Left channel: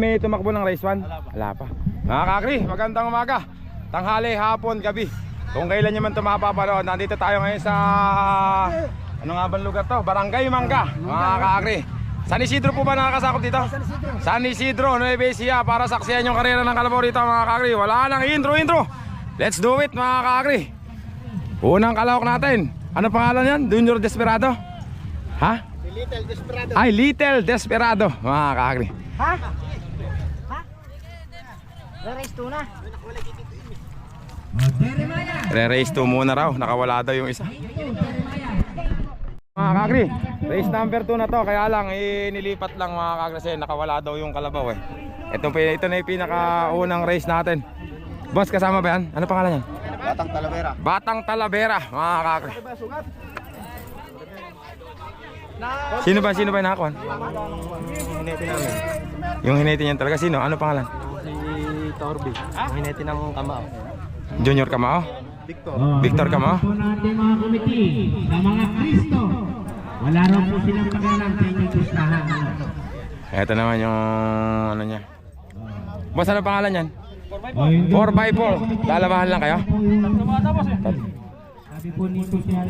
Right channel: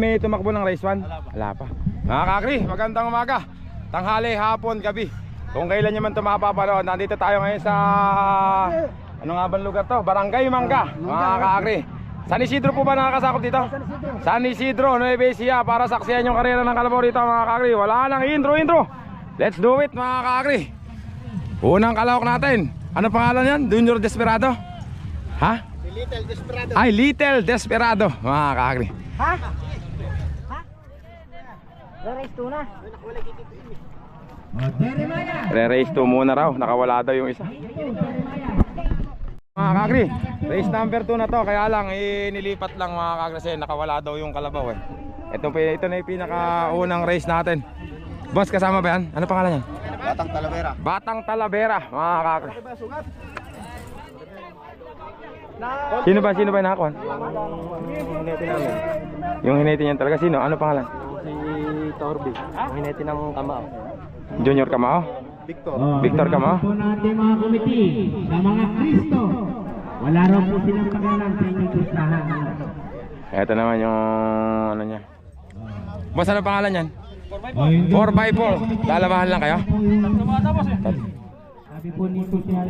may tumakbo ng race 1? Wala pa. Mga kakri, magandang umaga. Tanghali, hapon, gabi. Kung kailan nyo man ito mapapanood, nandito tayo ngayon sa ano nga bang lugar to? Barangay Mangga. Mga kakri, San Isidro po ba nakakasakop dito? San Isidro, Nueva Ecija, para saksiyan yung karera ng kalabaw rito mga kakri. Wala nang intro. Let's do it mga kakri. Unang kalawak natin. Ano pangalan yan? Junior Desperado? Ha? Little Desperado. Ay, Little Desperado mga kakri. Ha? Race 2 na. Re-race 2 muna raw. Nakawala daw yung isa. Mga kakri, race number 2 na to. Kaya lang, nilipat lang mga kakri kasi nakawala daw yung kalabaw eh. Ito na yung pinakaunang race natin. Boss, kasama ba yan? Ano pangalan yan? Batang Talavera. Batang Talavera mga kakri. Sino ba yung nakakuha? Yung hinete namin. Yung hinete niyan talaga. Sino? Ano pangalan? Si Torby. Yung hinete ng Kamao. Junior Kamao? Victor. Victor Kamao? po natin mga komite sa mga Kristo. Wala raw po silang pakialam sa inyong listahan. Ito naman yung ano niya. Boss, ano pangalan yan? 4x4. 4x4. Lalabahan lang kayo? Sabi po nito siya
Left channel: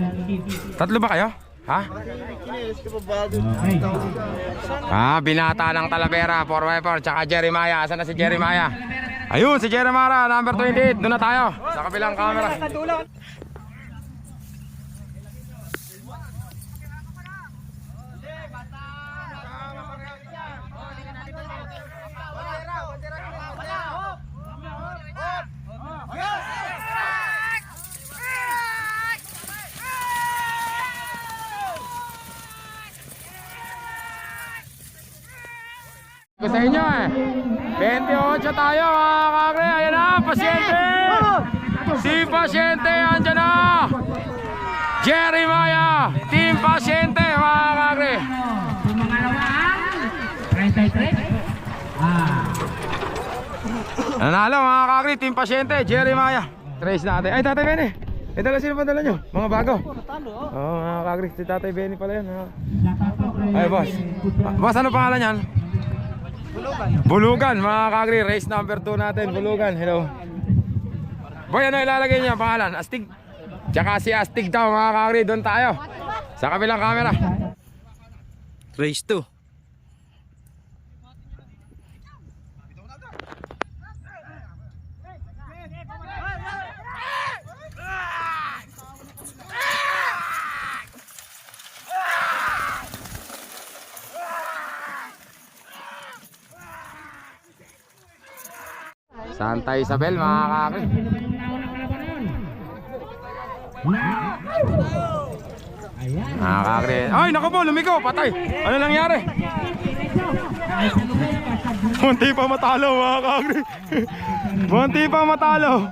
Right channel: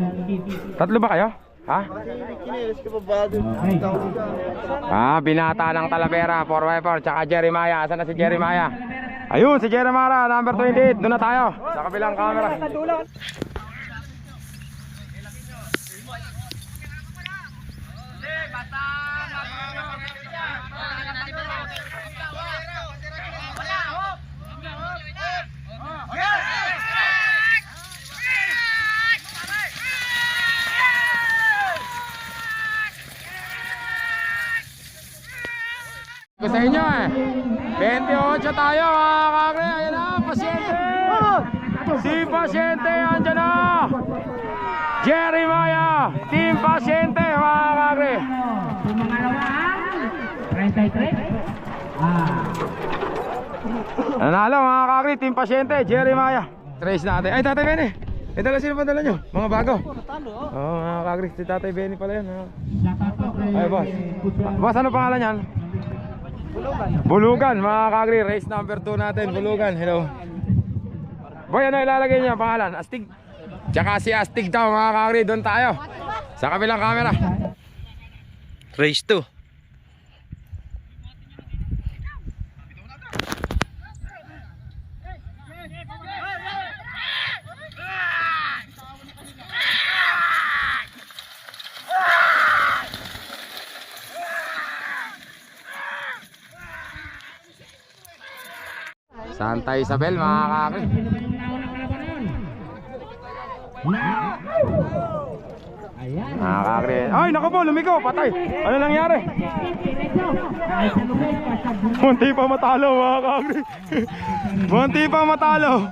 Tatlo ba kayo? Ha? Binata ng Talavera, 4x4, tsaka Jeremiah. Asan na si Jeremiah? Ayun, si Jeremiah, number 28. Doon na tayo, sa kabilang camera. Sa inyo 28 tayo mga kakri. Ayan na, pasyente. Si pasyente, andyan na. Jeremiah, team pasyente mga kakri. Nanalo mga kakri, team pasyente, Jeremiah. Trace natin. Ay, Tatay Benny. Sino pa dala nyo? Mga bago. Oo mga kakri, si Tatay Benny pala yun. Ay boss. Boss, ano pangalan yan? Bulugan mga kakri, race number 2 natin. Bulugan, hello. Boy, ano ilalagay niya pangalan? Astig. Tsaka si Astig daw mga kakri, doon tayo sa kabilang camera. Race 2. Santa Isabel mga kakri. Mga kakri. Ay naku po, lumiko, patay. Ano nangyari? Munti pa matalo mga kakri. Munti pa matalo.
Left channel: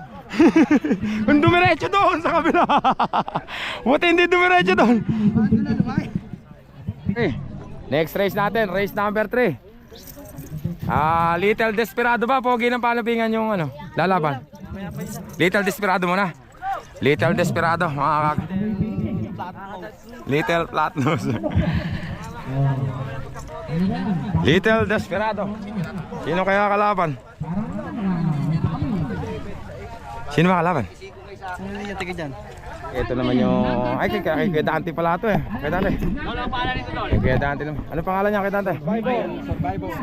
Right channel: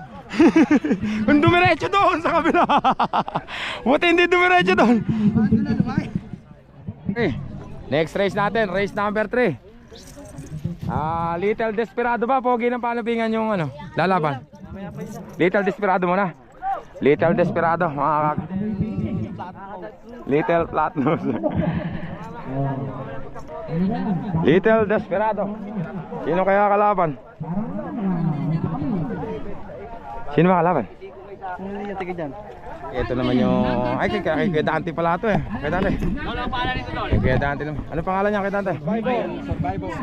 Kung dumiretso doon sa kabila. Buti hindi dumiretso doon. Okay. Next race natin, race number 3. Little Desperado ba? Pogi ng palabingan yung ano, lalaban. Little Desperado muna. Little Desperado, mga kak. Little Flatnose. Little Desperado. Sino kaya kalaban? Sino ba kalaban? Yung tiga dyan. Ito naman yung... Ay, kay Dante pala ito eh. Kay Dante. Kay Dante naman. Ano pangalan niya kay Dante?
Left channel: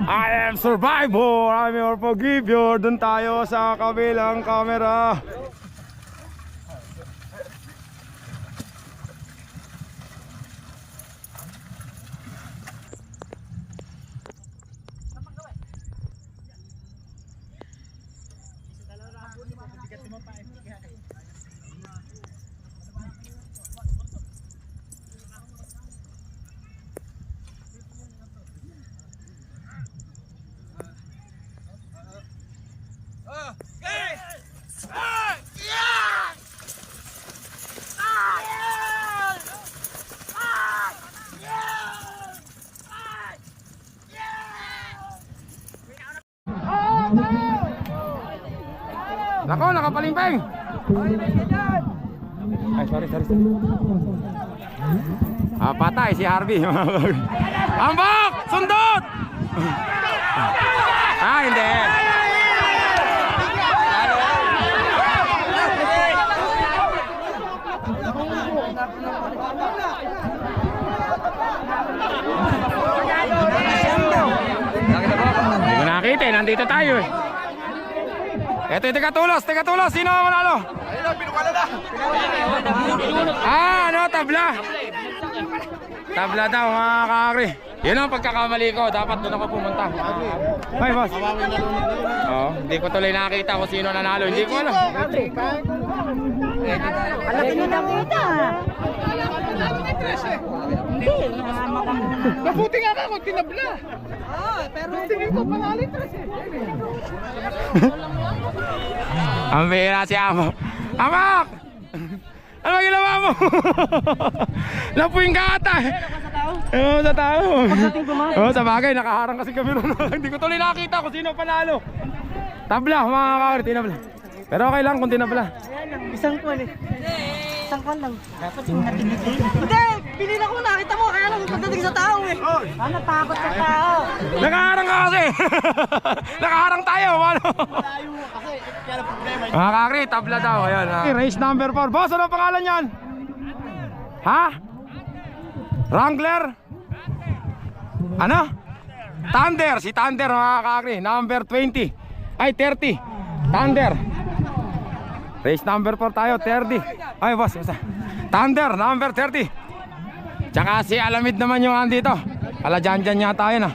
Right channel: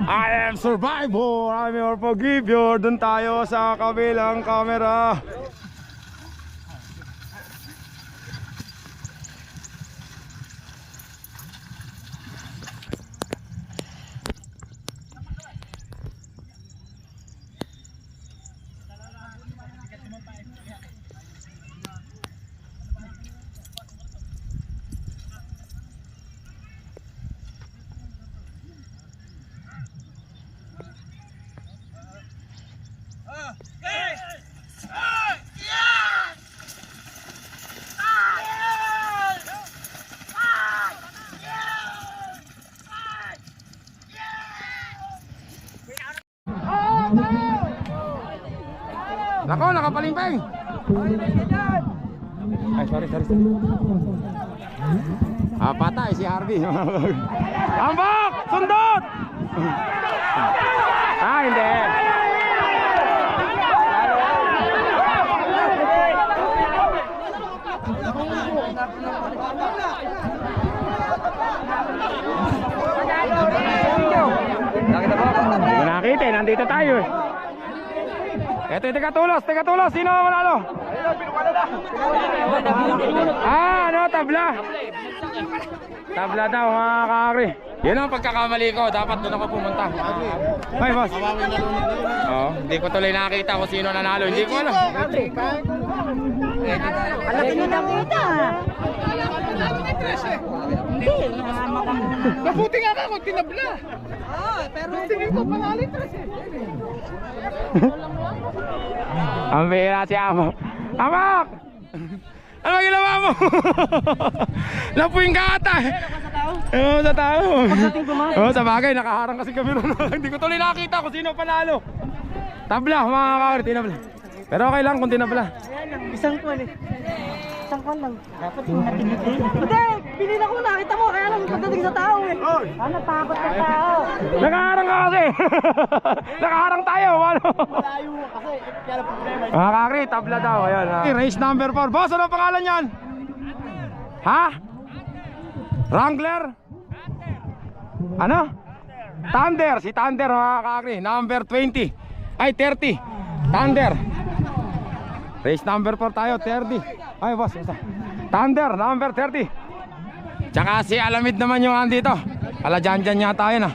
I am Survivor. I'm your forgiver. Doon tayo sa kabilang camera. Nako, nakapalimpeng. Ay, sorry. Patay si Harvey. Ambak! Sundot! hindi. Hindi ko nakita eh, nandito tayo eh. Eto yung tiga-tulos, sino ang manalo? Ano, tabla. Tabla daw mga kakri. Yun ang pagkakamali ko, dapat doon ako pumunta. Ay boss. Oo, hindi ko tuloy nakita kung sino nanalo, hindi ko alam. Alaki nyo na kita. Hindi, Mabuti nga ako, tinabla. pero tingin ko pangalit na siya. Ang bihira si Amak. Amak! Ano ginawa mo? Napuing ka ata eh. Oo, sa tao. Oo, sa bagay, nakaharang kasi kami ron. Hindi ko tuloy nakita kung sino panalo. Tabla, mga kakari, tinabla. Pero okay lang kung tinabla. Isang kwan eh. Isang kwan lang. Dapat yung natiniti. Hindi! Pinila ko nakita mo. Kaya lang pagdating sa tao eh. Ano, takot sa tao. Nakaharang ka kasi. Nakaharang tayo. Ano? Malayo kasi, kaya ang problema. Mga kakri, tabla daw. Ayan, race number 4. Boss, ano pangalan yan? Ha? Wrangler? Ano? Thunder. Si Thunder mga kakri. Number 20. Ay, 30. Thunder. Race number 4 tayo, 30. Ay, boss, basta. Thunder, number 30. Tsaka si Alamid naman yung andito. Ala, dyan yata yun ah.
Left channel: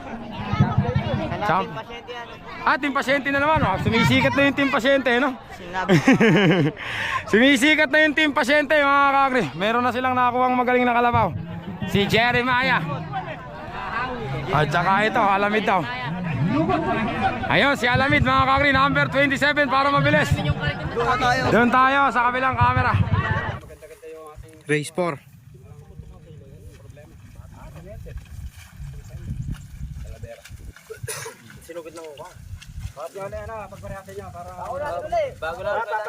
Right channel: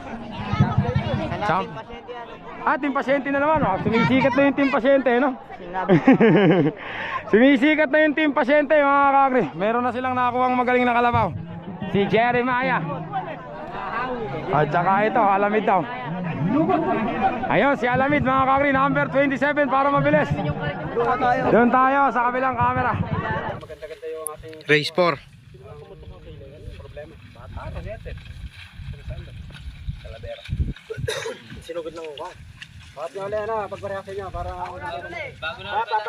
Team Pasyente na naman. Oh. Sumisikat na yung Team Pasyente, no? Sumisikat na yung Team Pasyente, mga kakri. Meron na silang nakakuhang magaling na kalabaw. Si Jeremiah. At saka ito, Alamid daw. Ayun, si Alamid, mga kakri, number 27 para mabilis. Doon tayo sa kabilang camera. Race 4. Sinugod lang ako. Bakit yung wala na, pagpareha sa inyo para... Bago lang pala.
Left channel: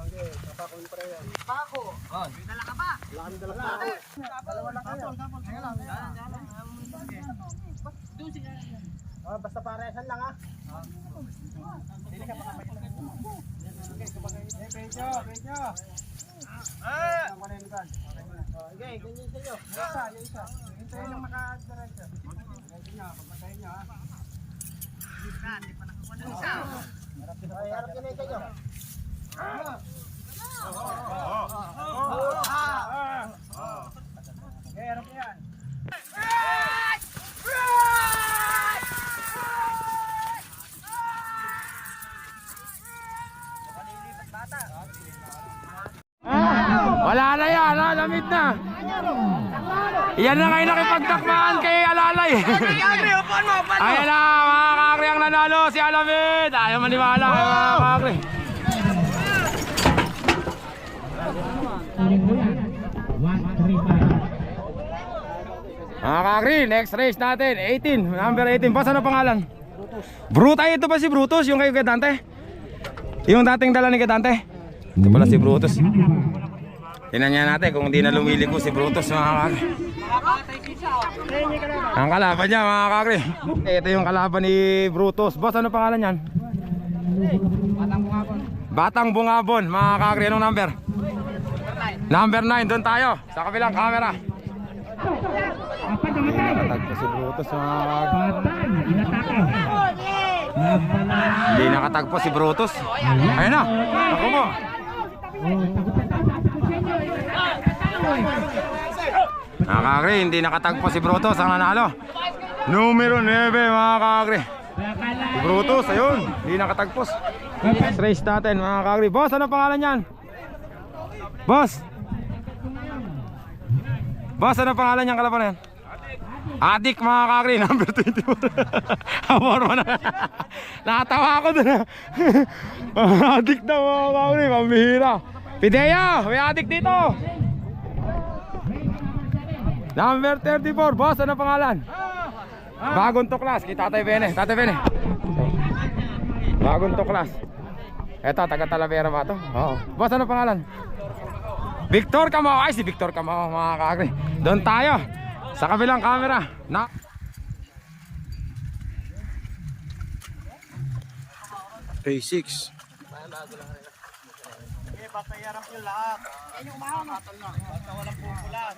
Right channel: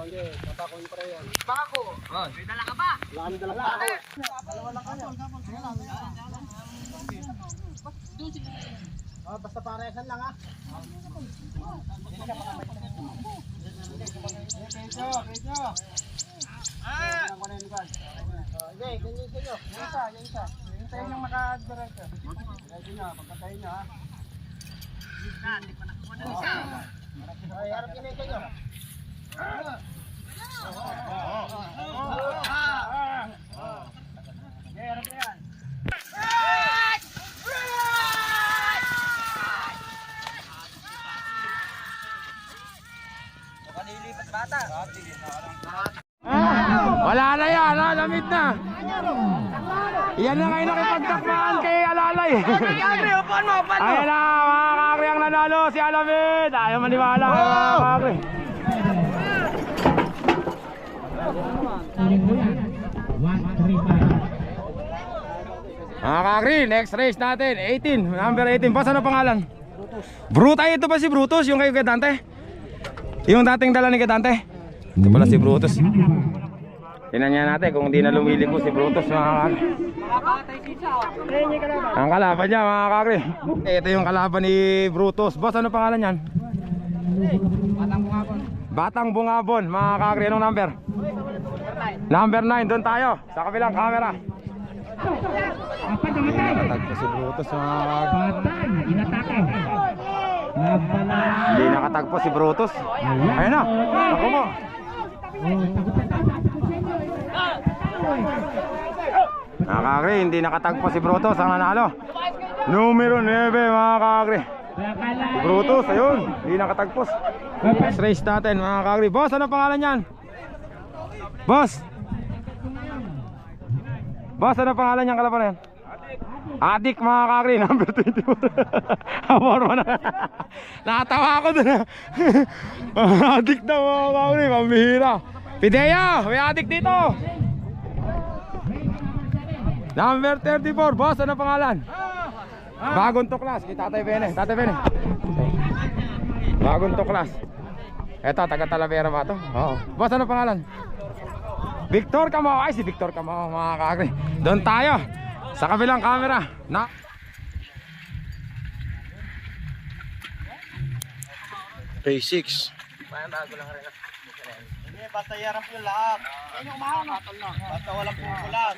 Hindi, patako yung pareha. Pako! May dala ka ba? Wala kami dala pa. Dalawa lang kayo. Kaya lang. Basta parehan lang ha. Pedro. Okay, ganyan sa'yo. Yung isa. Hintayin lang makadiretso. Diretso nyo, pagkatayin nyo ha. Hindi pa nakakuha ng isa. Harap yun sa'yo. Okay, harap yan. Wala na yan, ha? Lamid na. Yan na ngayon nakipagtakmaan kay Alalay. Ayan na, mga kakri ang nanalo, si Alamid. Ayaw maniwala, mga kakri. Mga kakri, next race natin, 18, number 18. Boss, ano pangalan? Brutus. Ay, ito ba si Brutus, yung kay Dante? Yung dating dala ni Dante? Ito pala si Brutus. Tingnan niya natin kung hindi na lumiliko si Brutus, mga kakri. Ang kalaban niya, mga kakri. Ito yung kalaban ni Brutus. Boss, ano pangalan yan? Batang Bungabon, mga kakri. Anong number? Number 9, doon tayo sa kabilang camera. Hindi nakatagpo si Brutus, mga kakri. Hindi nakatagpo si Brutus. Ayun na, ako mo. Mga kakri, hindi nakatagpo si Brutus ang nanalo. Numero 9, mga kakri. Si Brutus, ayun, hindi nakatagpos. Next race natin, mga kakri. Boss, ano pangalan yan? Boss, ano pangalan yan, kalaban na yan? Adik, mga kakri, number 24. Amor mo na. Nakatawa ako dun. Adik daw, mga kakri, pambihira. Pidea, may adik dito. Number 34, boss, ano pangalan? Bagong tuklas, kay Tatay Bene. Tatay Bene, bagong tuklas. Eto, taga Talavera ba ito? Oo. Boss, ano pangalan? Victor Camao. Ay, si Victor Camao, mga kakri. Doon tayo sa kabilang camera na Phase 6. Patayaran ko lahat. Basta walang pupulan.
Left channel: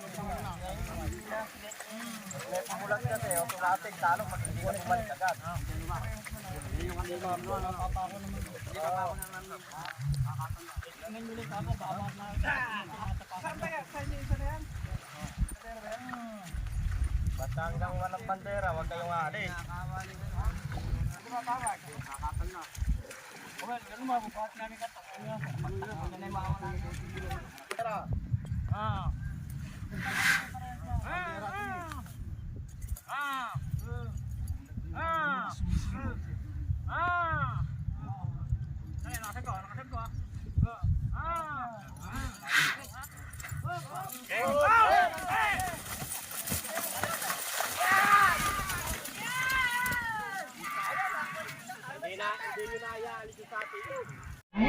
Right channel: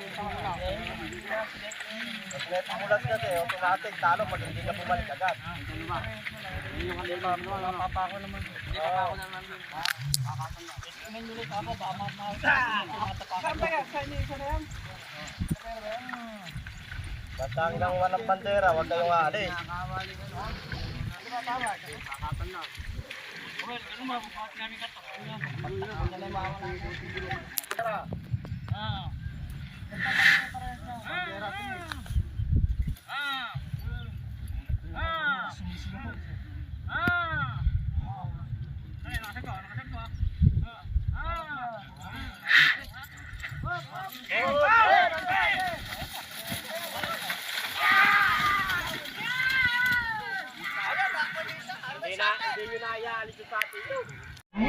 Pupulan ka to. Kung natin talo, pag-iwan iba agad. Hindi mapapako naman. Basta hanggang walang bandera, huwag kayong aalis.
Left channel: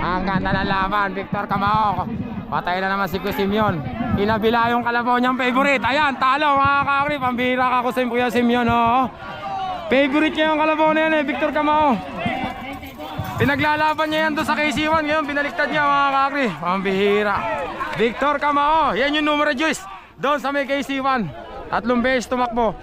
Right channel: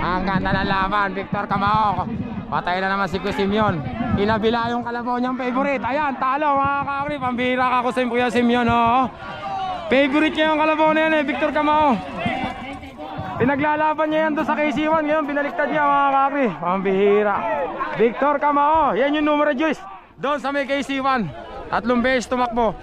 Ang ganda ng laban, Victor Camao. Patay na naman si Kuya Simeon. Inabila yung kalabaw niyang favorite. Ayan, talo mga kakri. Pambira ka Kuya Kuya Simeon. Oh. Favorite niya yung kalabaw na yan Victor Camao. Pinaglalaban niya yan doon sa KC1. Ngayon, binaliktad niya mga kakri. Pambihira. Victor Camao. Yan yung numero juice. Doon sa may KC1. 3 beses tumakbo.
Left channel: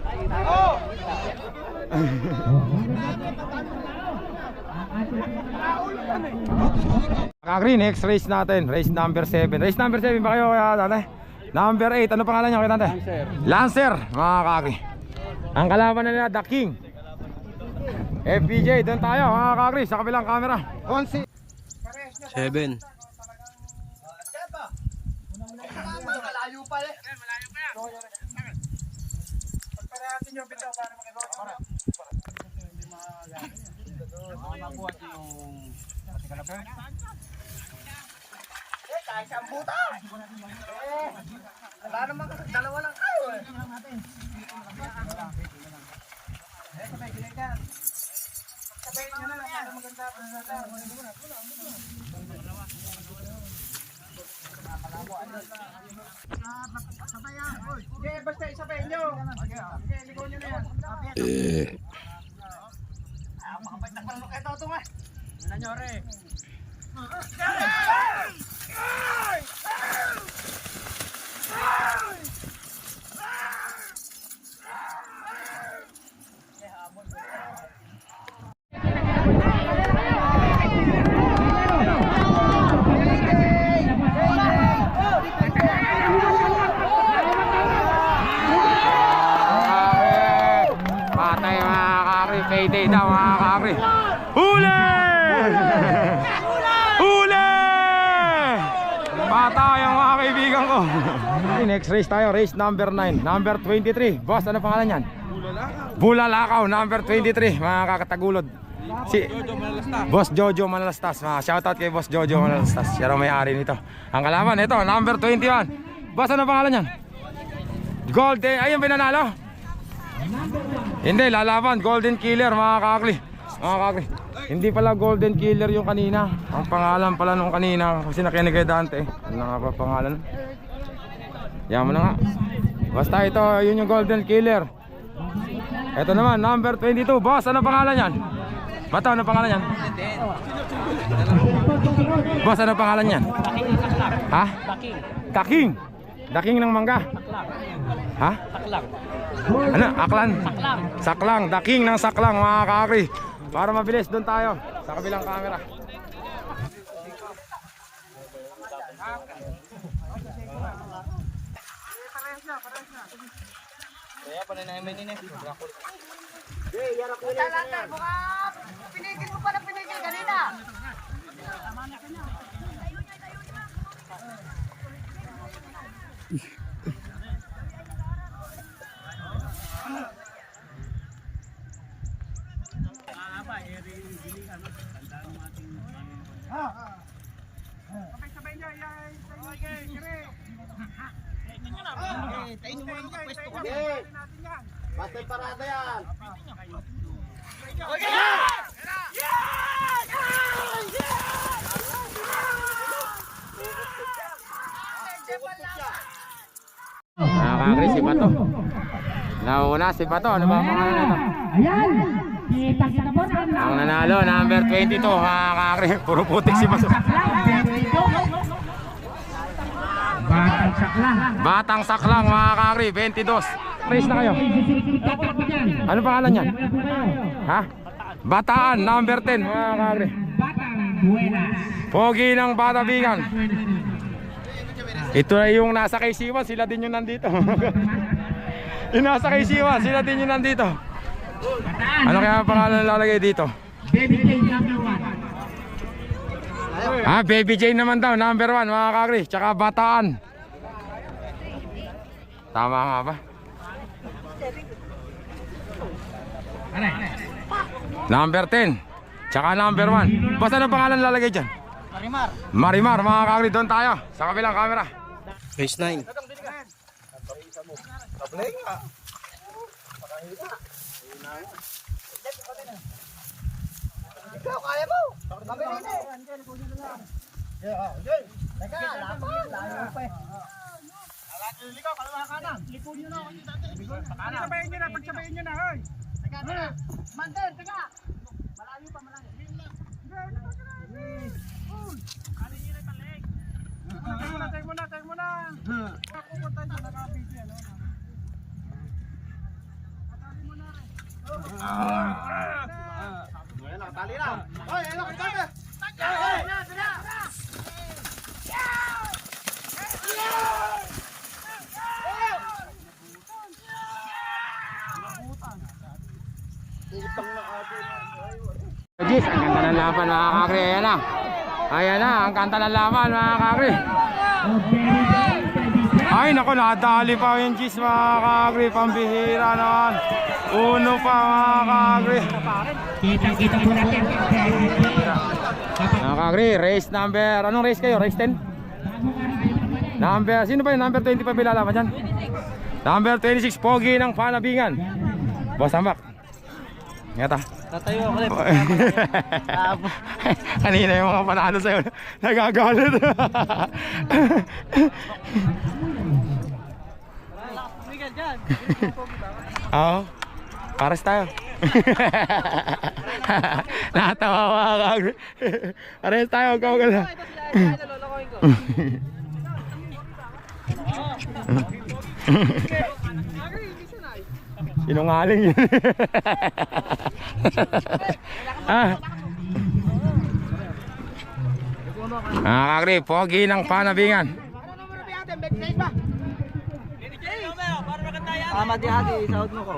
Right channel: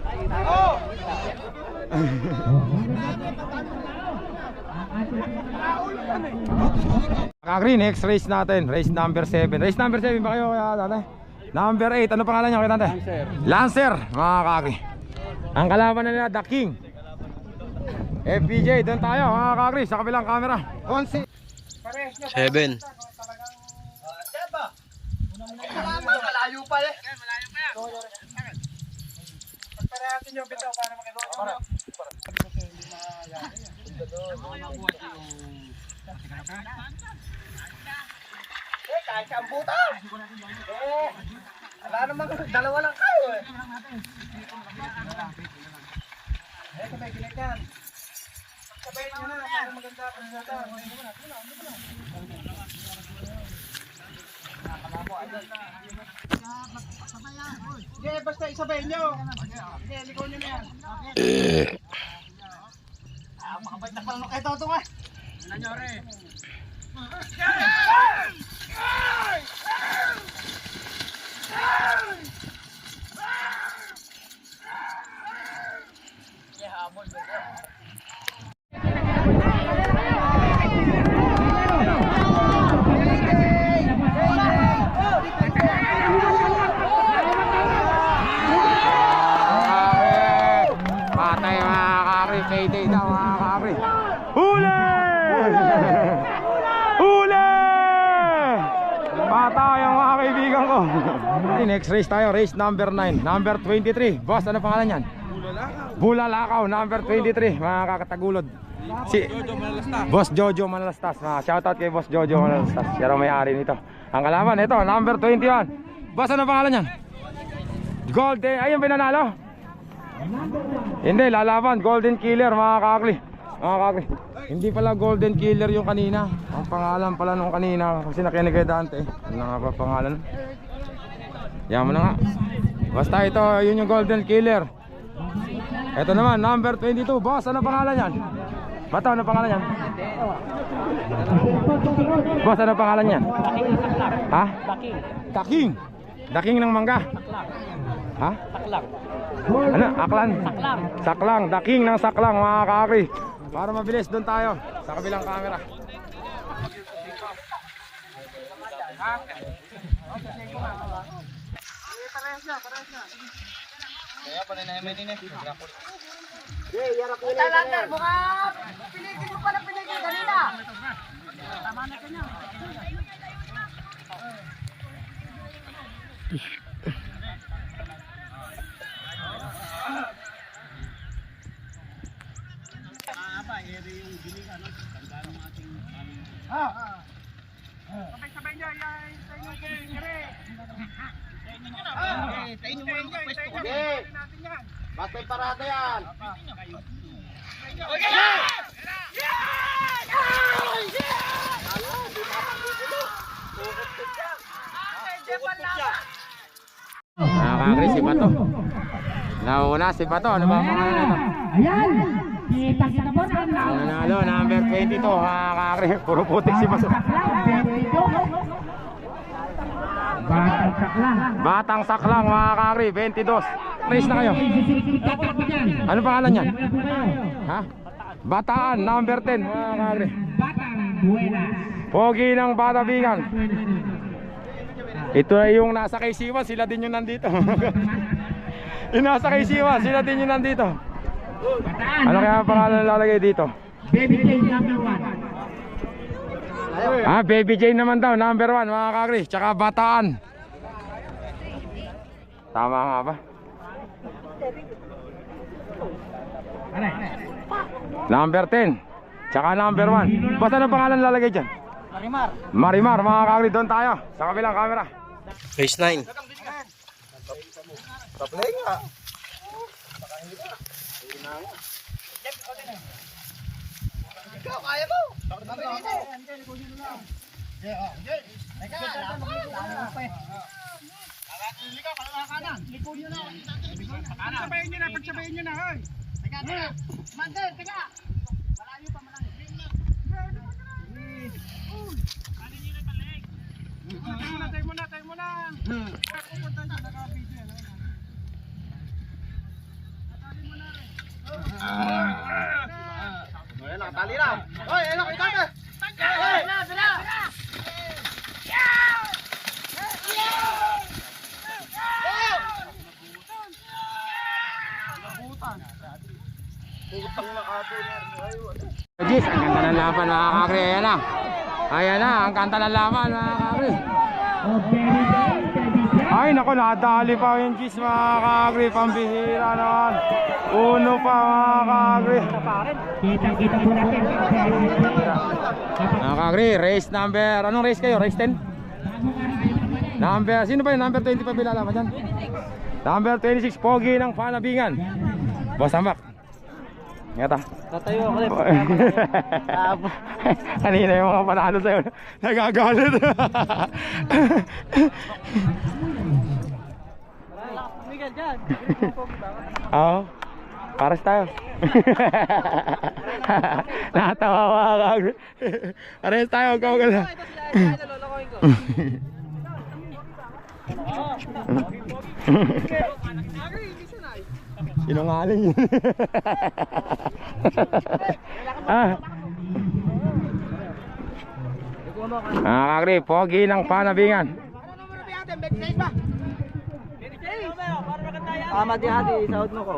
Kakri, next race natin. Race number 7. Race number 7 ba kayo kaya tatay? Number 8. Ano pangalan niya kaya tatay? Lancer. Mga kakri. Ang kalaban na nila, The King. FPJ, doon tayo mga kakri. Sa kabilang camera. 7. Wala naman, dalawa lang kayo eh. Basta isabayin nyo. Ligaw nyo na yan. Ito, ito nga. Nanyore. Patay mga kakri. Payday daw mga kakri. Huli! Huli! Patay ang mga kaibigan ko. Next race tayo, race number 9. Number 23. Boss, ano pangalan yan? Bulalakaw, number 23. Mga kakatagulod. Si Boss Jojo Manalastas. Shoutout kay Boss Jojo Manalastas. Siya raw may-ari nito. Ang kalaban, ito, number 21. Boss, ano pangalan yan? Golden, ayun pinanalo? Hindi, lalaban, Golden Killer mga kakli. Mga kakli. Hindi pala Golden Killer yung kanina. Ang pangalan pala nung kanina kasi nakinig kay Dante. Ano nga ba pangalan? Yan mo na nga. Basta ito, yun yung Golden Killer. Ito naman, number 22. Boss, ano pangalan yan? Mata, ano pangalan yan? Boss, ano pangalan yan? Ha? Daking. Daking ng mangga. Ha? Saklang. Ano? Aklan? Saklang. Saklang. Daking ng saklang mga kakri. Para mabilis, doon tayo sa kabilang camera. Kaya pala na namin ini. Sabay niya, sa inyo kere. Sa inyo mo lang pwesto ko. Basta parada yan. Kakri, si Bato. Nauna si Bato. Ano ba ang pangalan nito? Ayan! Kita po na Ang nanalo, number 22, mga kakri. Puro putik si Maso. Batang sakla. Batang saklang, mga kakri, 22. Race na kayo. Ano pangalan yan? Ha? Bataan, number 10, mga kakri. Batang Buenas. Pogi ng Batabigan. Ito na yung nasa kay Siwan, sila din yung nandito. Yung nasa kay Siwan, sila din yung nandito. Ano kaya ang pangalan lalagay dito? Baby J number 1. Ah, Baby Jane naman daw, number 1, mga kakri. Tsaka Bataan. Tama nga ba? Number 10. Tsaka number 1. Basta ang pangalan lalagay dyan? Marimar. Marimar, mga kakri. Doon tayo. Sa kabilang camera. Race 9. Ikaw, kaya mo. Teka, laban. Layo pa eh. Ikaw, kalawa kanan. Likod nyo na. Pagsabayin nyo na, pagsabayin nyo na. Teka, teka. Mandel, teka. Malayo pa, malayo. Tayo muna. Pupunta nyo, naka-video yan. Natali mo na rin. Ayan, nakatali na. Hoy, ano, ikaw na. Jis, ang ganda ng laban, mga kakri. Ayan na. Ayan na, ang kanta ng laban, mga kakri. Ay, naku, nadali pa yung Jis, mga kakri. Pambihira naman. Uno pa, mga kakri. Kita po natin. Mga kakri, race number, anong race kayo? Race 10? Number, sino ba yung number 20 pa bilalaman dyan? Number 26, Pogi ng Panabingan. Boss Ambak. Ngeta. Tatayo ako rin. Kanina yung mga panalo sa'yo, nagagalit. Miguel dyan. Oo, pares tayo. Natawa mga kakri. Pares tayo, gawagala. Nalolokohin ko. Sinungaling yun. Ah. Mga kakri, Pogi ng Panabingan. Di hati, sahod mo ko.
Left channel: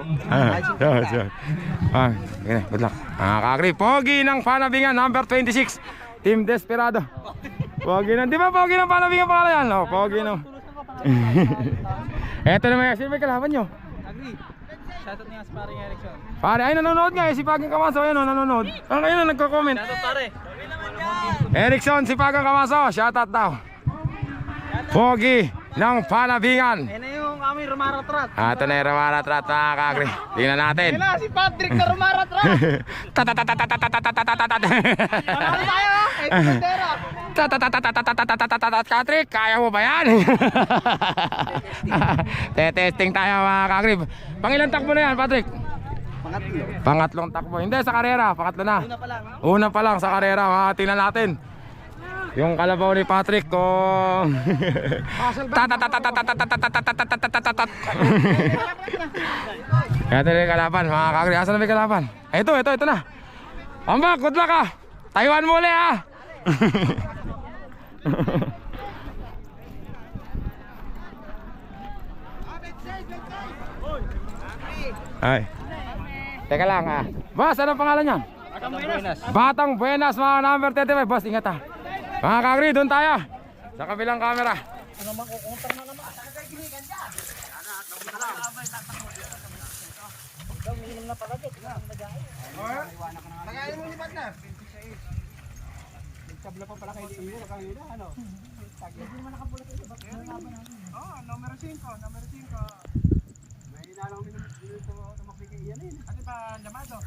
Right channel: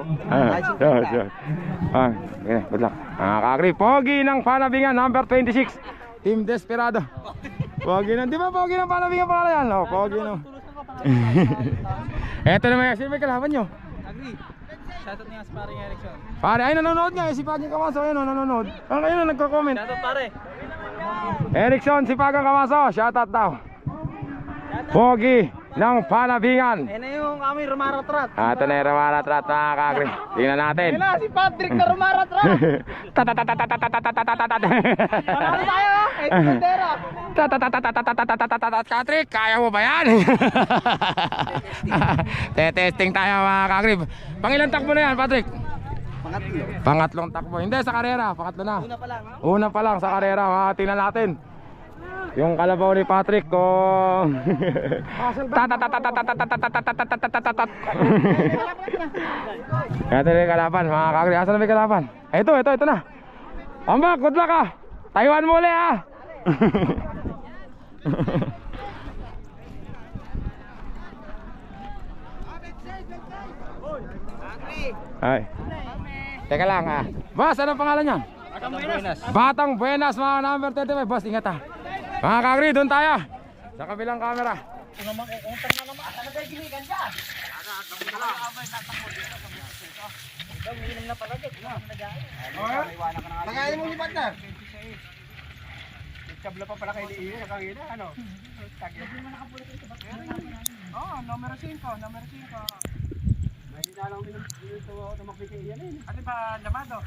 Okay, good luck. Mga kakri, Pogi ng Panabingan, number 26, Team Desperado. Pogi ng, di ba Pogi ng Panabingan pangalan yan? Oh, Pogi ng. Eto naman, sino may kalaban nyo? Agree. Shoutout niya sa paring Erickson. Pare, ay nanonood nga eh, si Pagang Kamaso, ayun o, nanonood. Ano kayo na nagko-comment? Shoutout pare. Erickson, si Pagang Kamaso, shoutout daw. Pogi ng Panabingan. Yan na yung aming rumaratrat. Ito na yung rumaratrat, mga kakri. Tingnan natin. Yan na si Patrick na rumaratrat. Panalo tayo ha. Ito bandera. Patrick, kaya mo ba yan? Testing tayo, mga kakri. Pangilang takbo na yan, Patrick? Pangatlong takbo. Hindi, sa karera, pangatlo na. Una pa lang. Una pa lang sa karera, tingnan natin. Yung kalabaw ni Patrick kung Ito na yung kalaban, mga kakri. Asan na may kalaban? Ito na. Ambak, good luck ah. Taiwan muli ah. Ay. Teka lang ah. Boss, anong pangalan niyan? Batang Buenas, mga number 35. Boss, ingat ah. Mga kakri, doon tayo. Sa kabilang camera. Nagaling mo lipat na. Kabla pa pala kay Liiyo. Nakangina ano? Hindi mo nakapulit ito. Oo, numero 5. Hindi na lang dito tumakbiti yan eh. Ano ba lamado?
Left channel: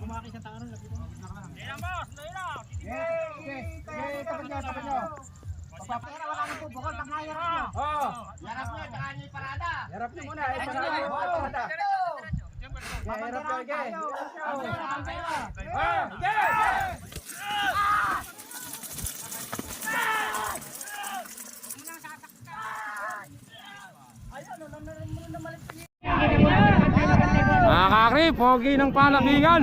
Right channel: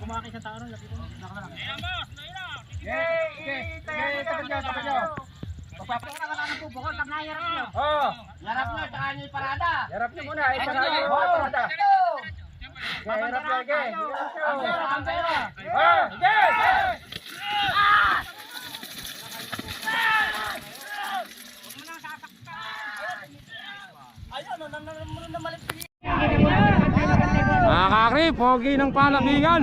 Kumaki sa tao ron. Wala nang bubukol pag nahirap nyo. Yarap nyo, tsaka nyo yung parada. Harap niyo muna, parada yung parada. Pabanderahan tayo. Ang pera. Mga kakri, pogi ng panabingan.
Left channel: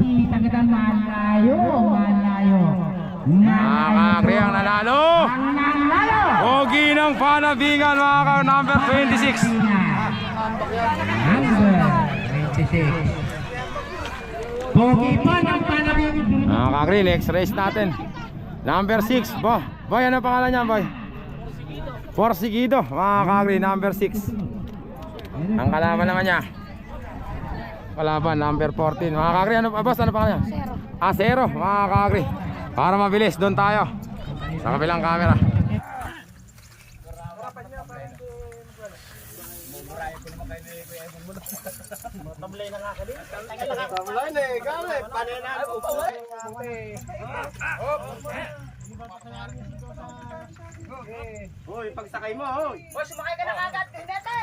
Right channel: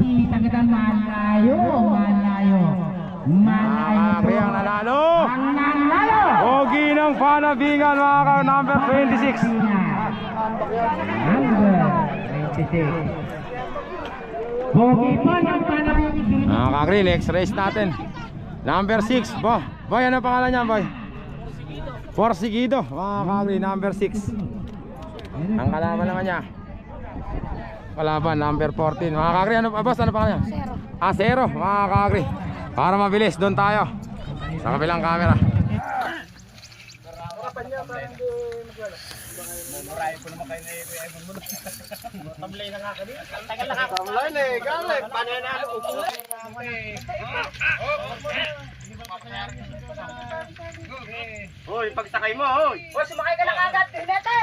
Kita kita malayo, malayo. Mga kakri ang nanalo. Ang nanalo. Pogi ng panabingan mga kakri, number 26. Number 26. Pogi pa ng panabing. Mga kakri, next race natin. Number 6. Boy, ano pangalan niya, boy? Porsigido, mga kakri, number 6. Ang kalaban naman niya. Kalaban, number 14. Mga kakri, ano boss, ano pangalan niya? Zero. Mga kakri. Para mabilis, doon tayo. Sa kabilang camera. Tamlay na eh, galit. Panenalo, upo. Hoy, pagsakay mo, hoy. O, sumakay ka na kagad. Tinete.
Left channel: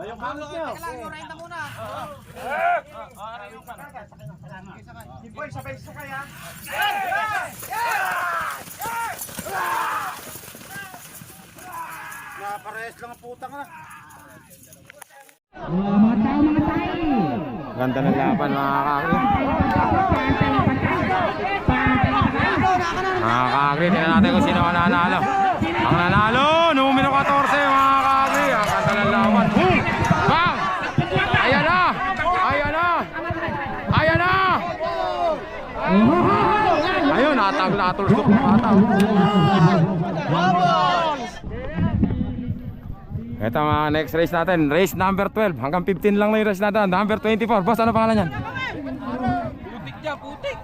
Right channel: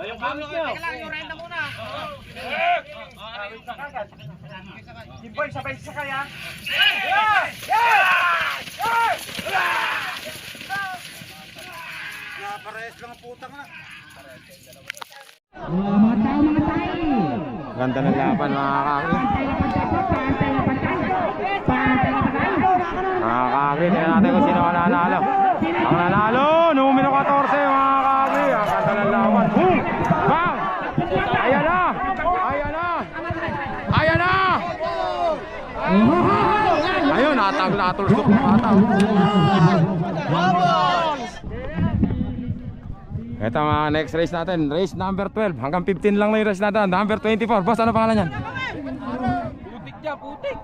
Hoy, yung kamot nyo. Yung renta muna. Boy, sabay sakay ha. Parehas lang ang puta nga. Mga tao, mga tayo. Ganda ng laban, mga kakri. Mga kakri, tingnan natin kung sino ang nanalo. Ang nanalo, numero 14, mga kakri. Ang ganda ng laban. Bang! Ayan na! Ayan na! Ayan na! Ayun, natulsok ng bata. Ito mga next race natin, race number 12. Hanggang 15 lang na yung race natin. Number 24. Boss, ano pangalan yan? Putik dyan, putik.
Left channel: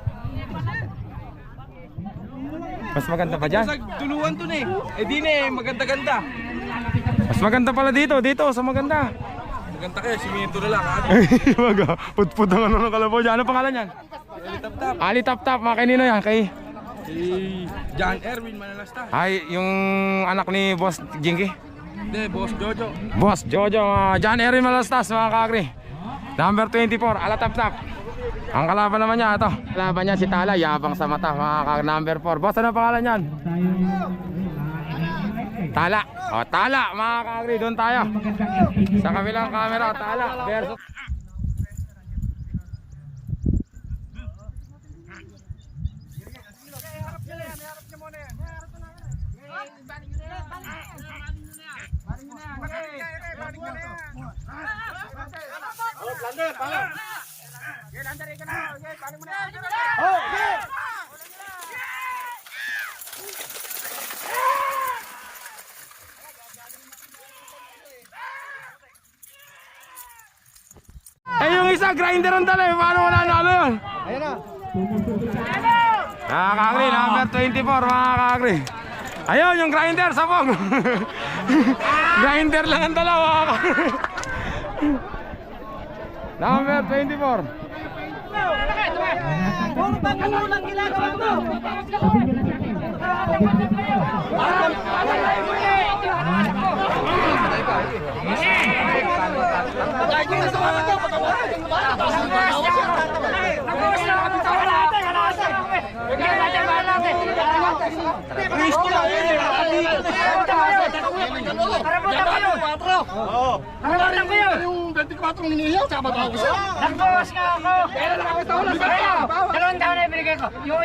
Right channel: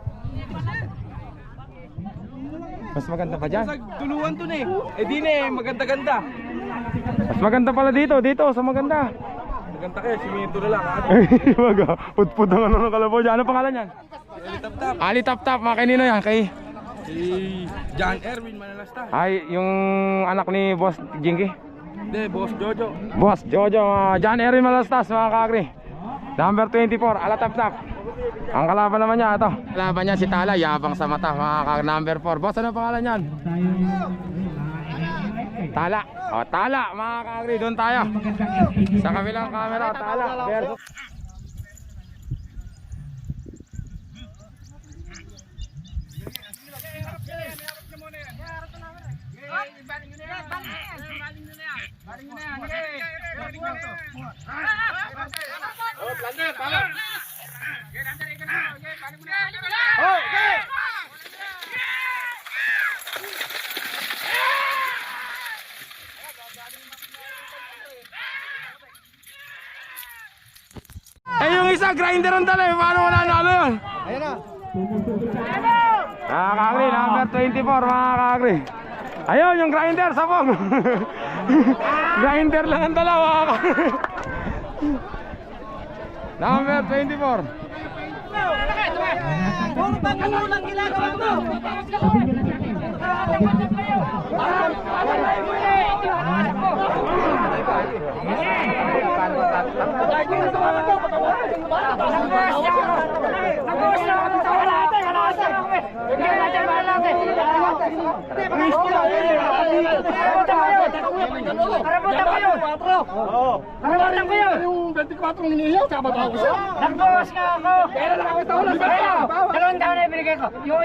Mas maganda pa dyan? Sa duluan dun eh. Eh di na eh, maganda-ganda. Mas maganda pala dito, sa maganda. Maganda kayo, simento na lang. Wag ah, put-put ang ano ng kalabaw dyan. Ano pangalan yan? Tap-tap. Ali Tap Tap, mga kanino yan? Kay? Si John Erwin Manalasta. Ay, yung anak ni Boss Jinky. Hindi, Boss Jojo. Boss Jojo, John Erin Malastas, mga kakri. Number 24, Ala Tap Tap. Ang kalaban naman niya, ito. Kalaban niya si Tala, yabang sa mata, mga kakri. Number 4. Boss, ano pangalan yan? Tala. O, Tala, mga kakri. Doon tayo. Sa kabilang camera, Tala versus... Eh, yung isa, grinder ang dala eh. Paano wala nalo yun? Ayan na. Mga kakri, number 24, mga kakri. Ayun, yung grinder, sabog. Grinder lang ang dala, mga kakri. Number 24. Puro pagkalulang ginagawa mo. Yung 24 ninihiyaw, tsaka babaw ko siya. Nagbawas nga ako. Pero nakakatawalan sa kaya. 2 taon na ibigay ko. Yung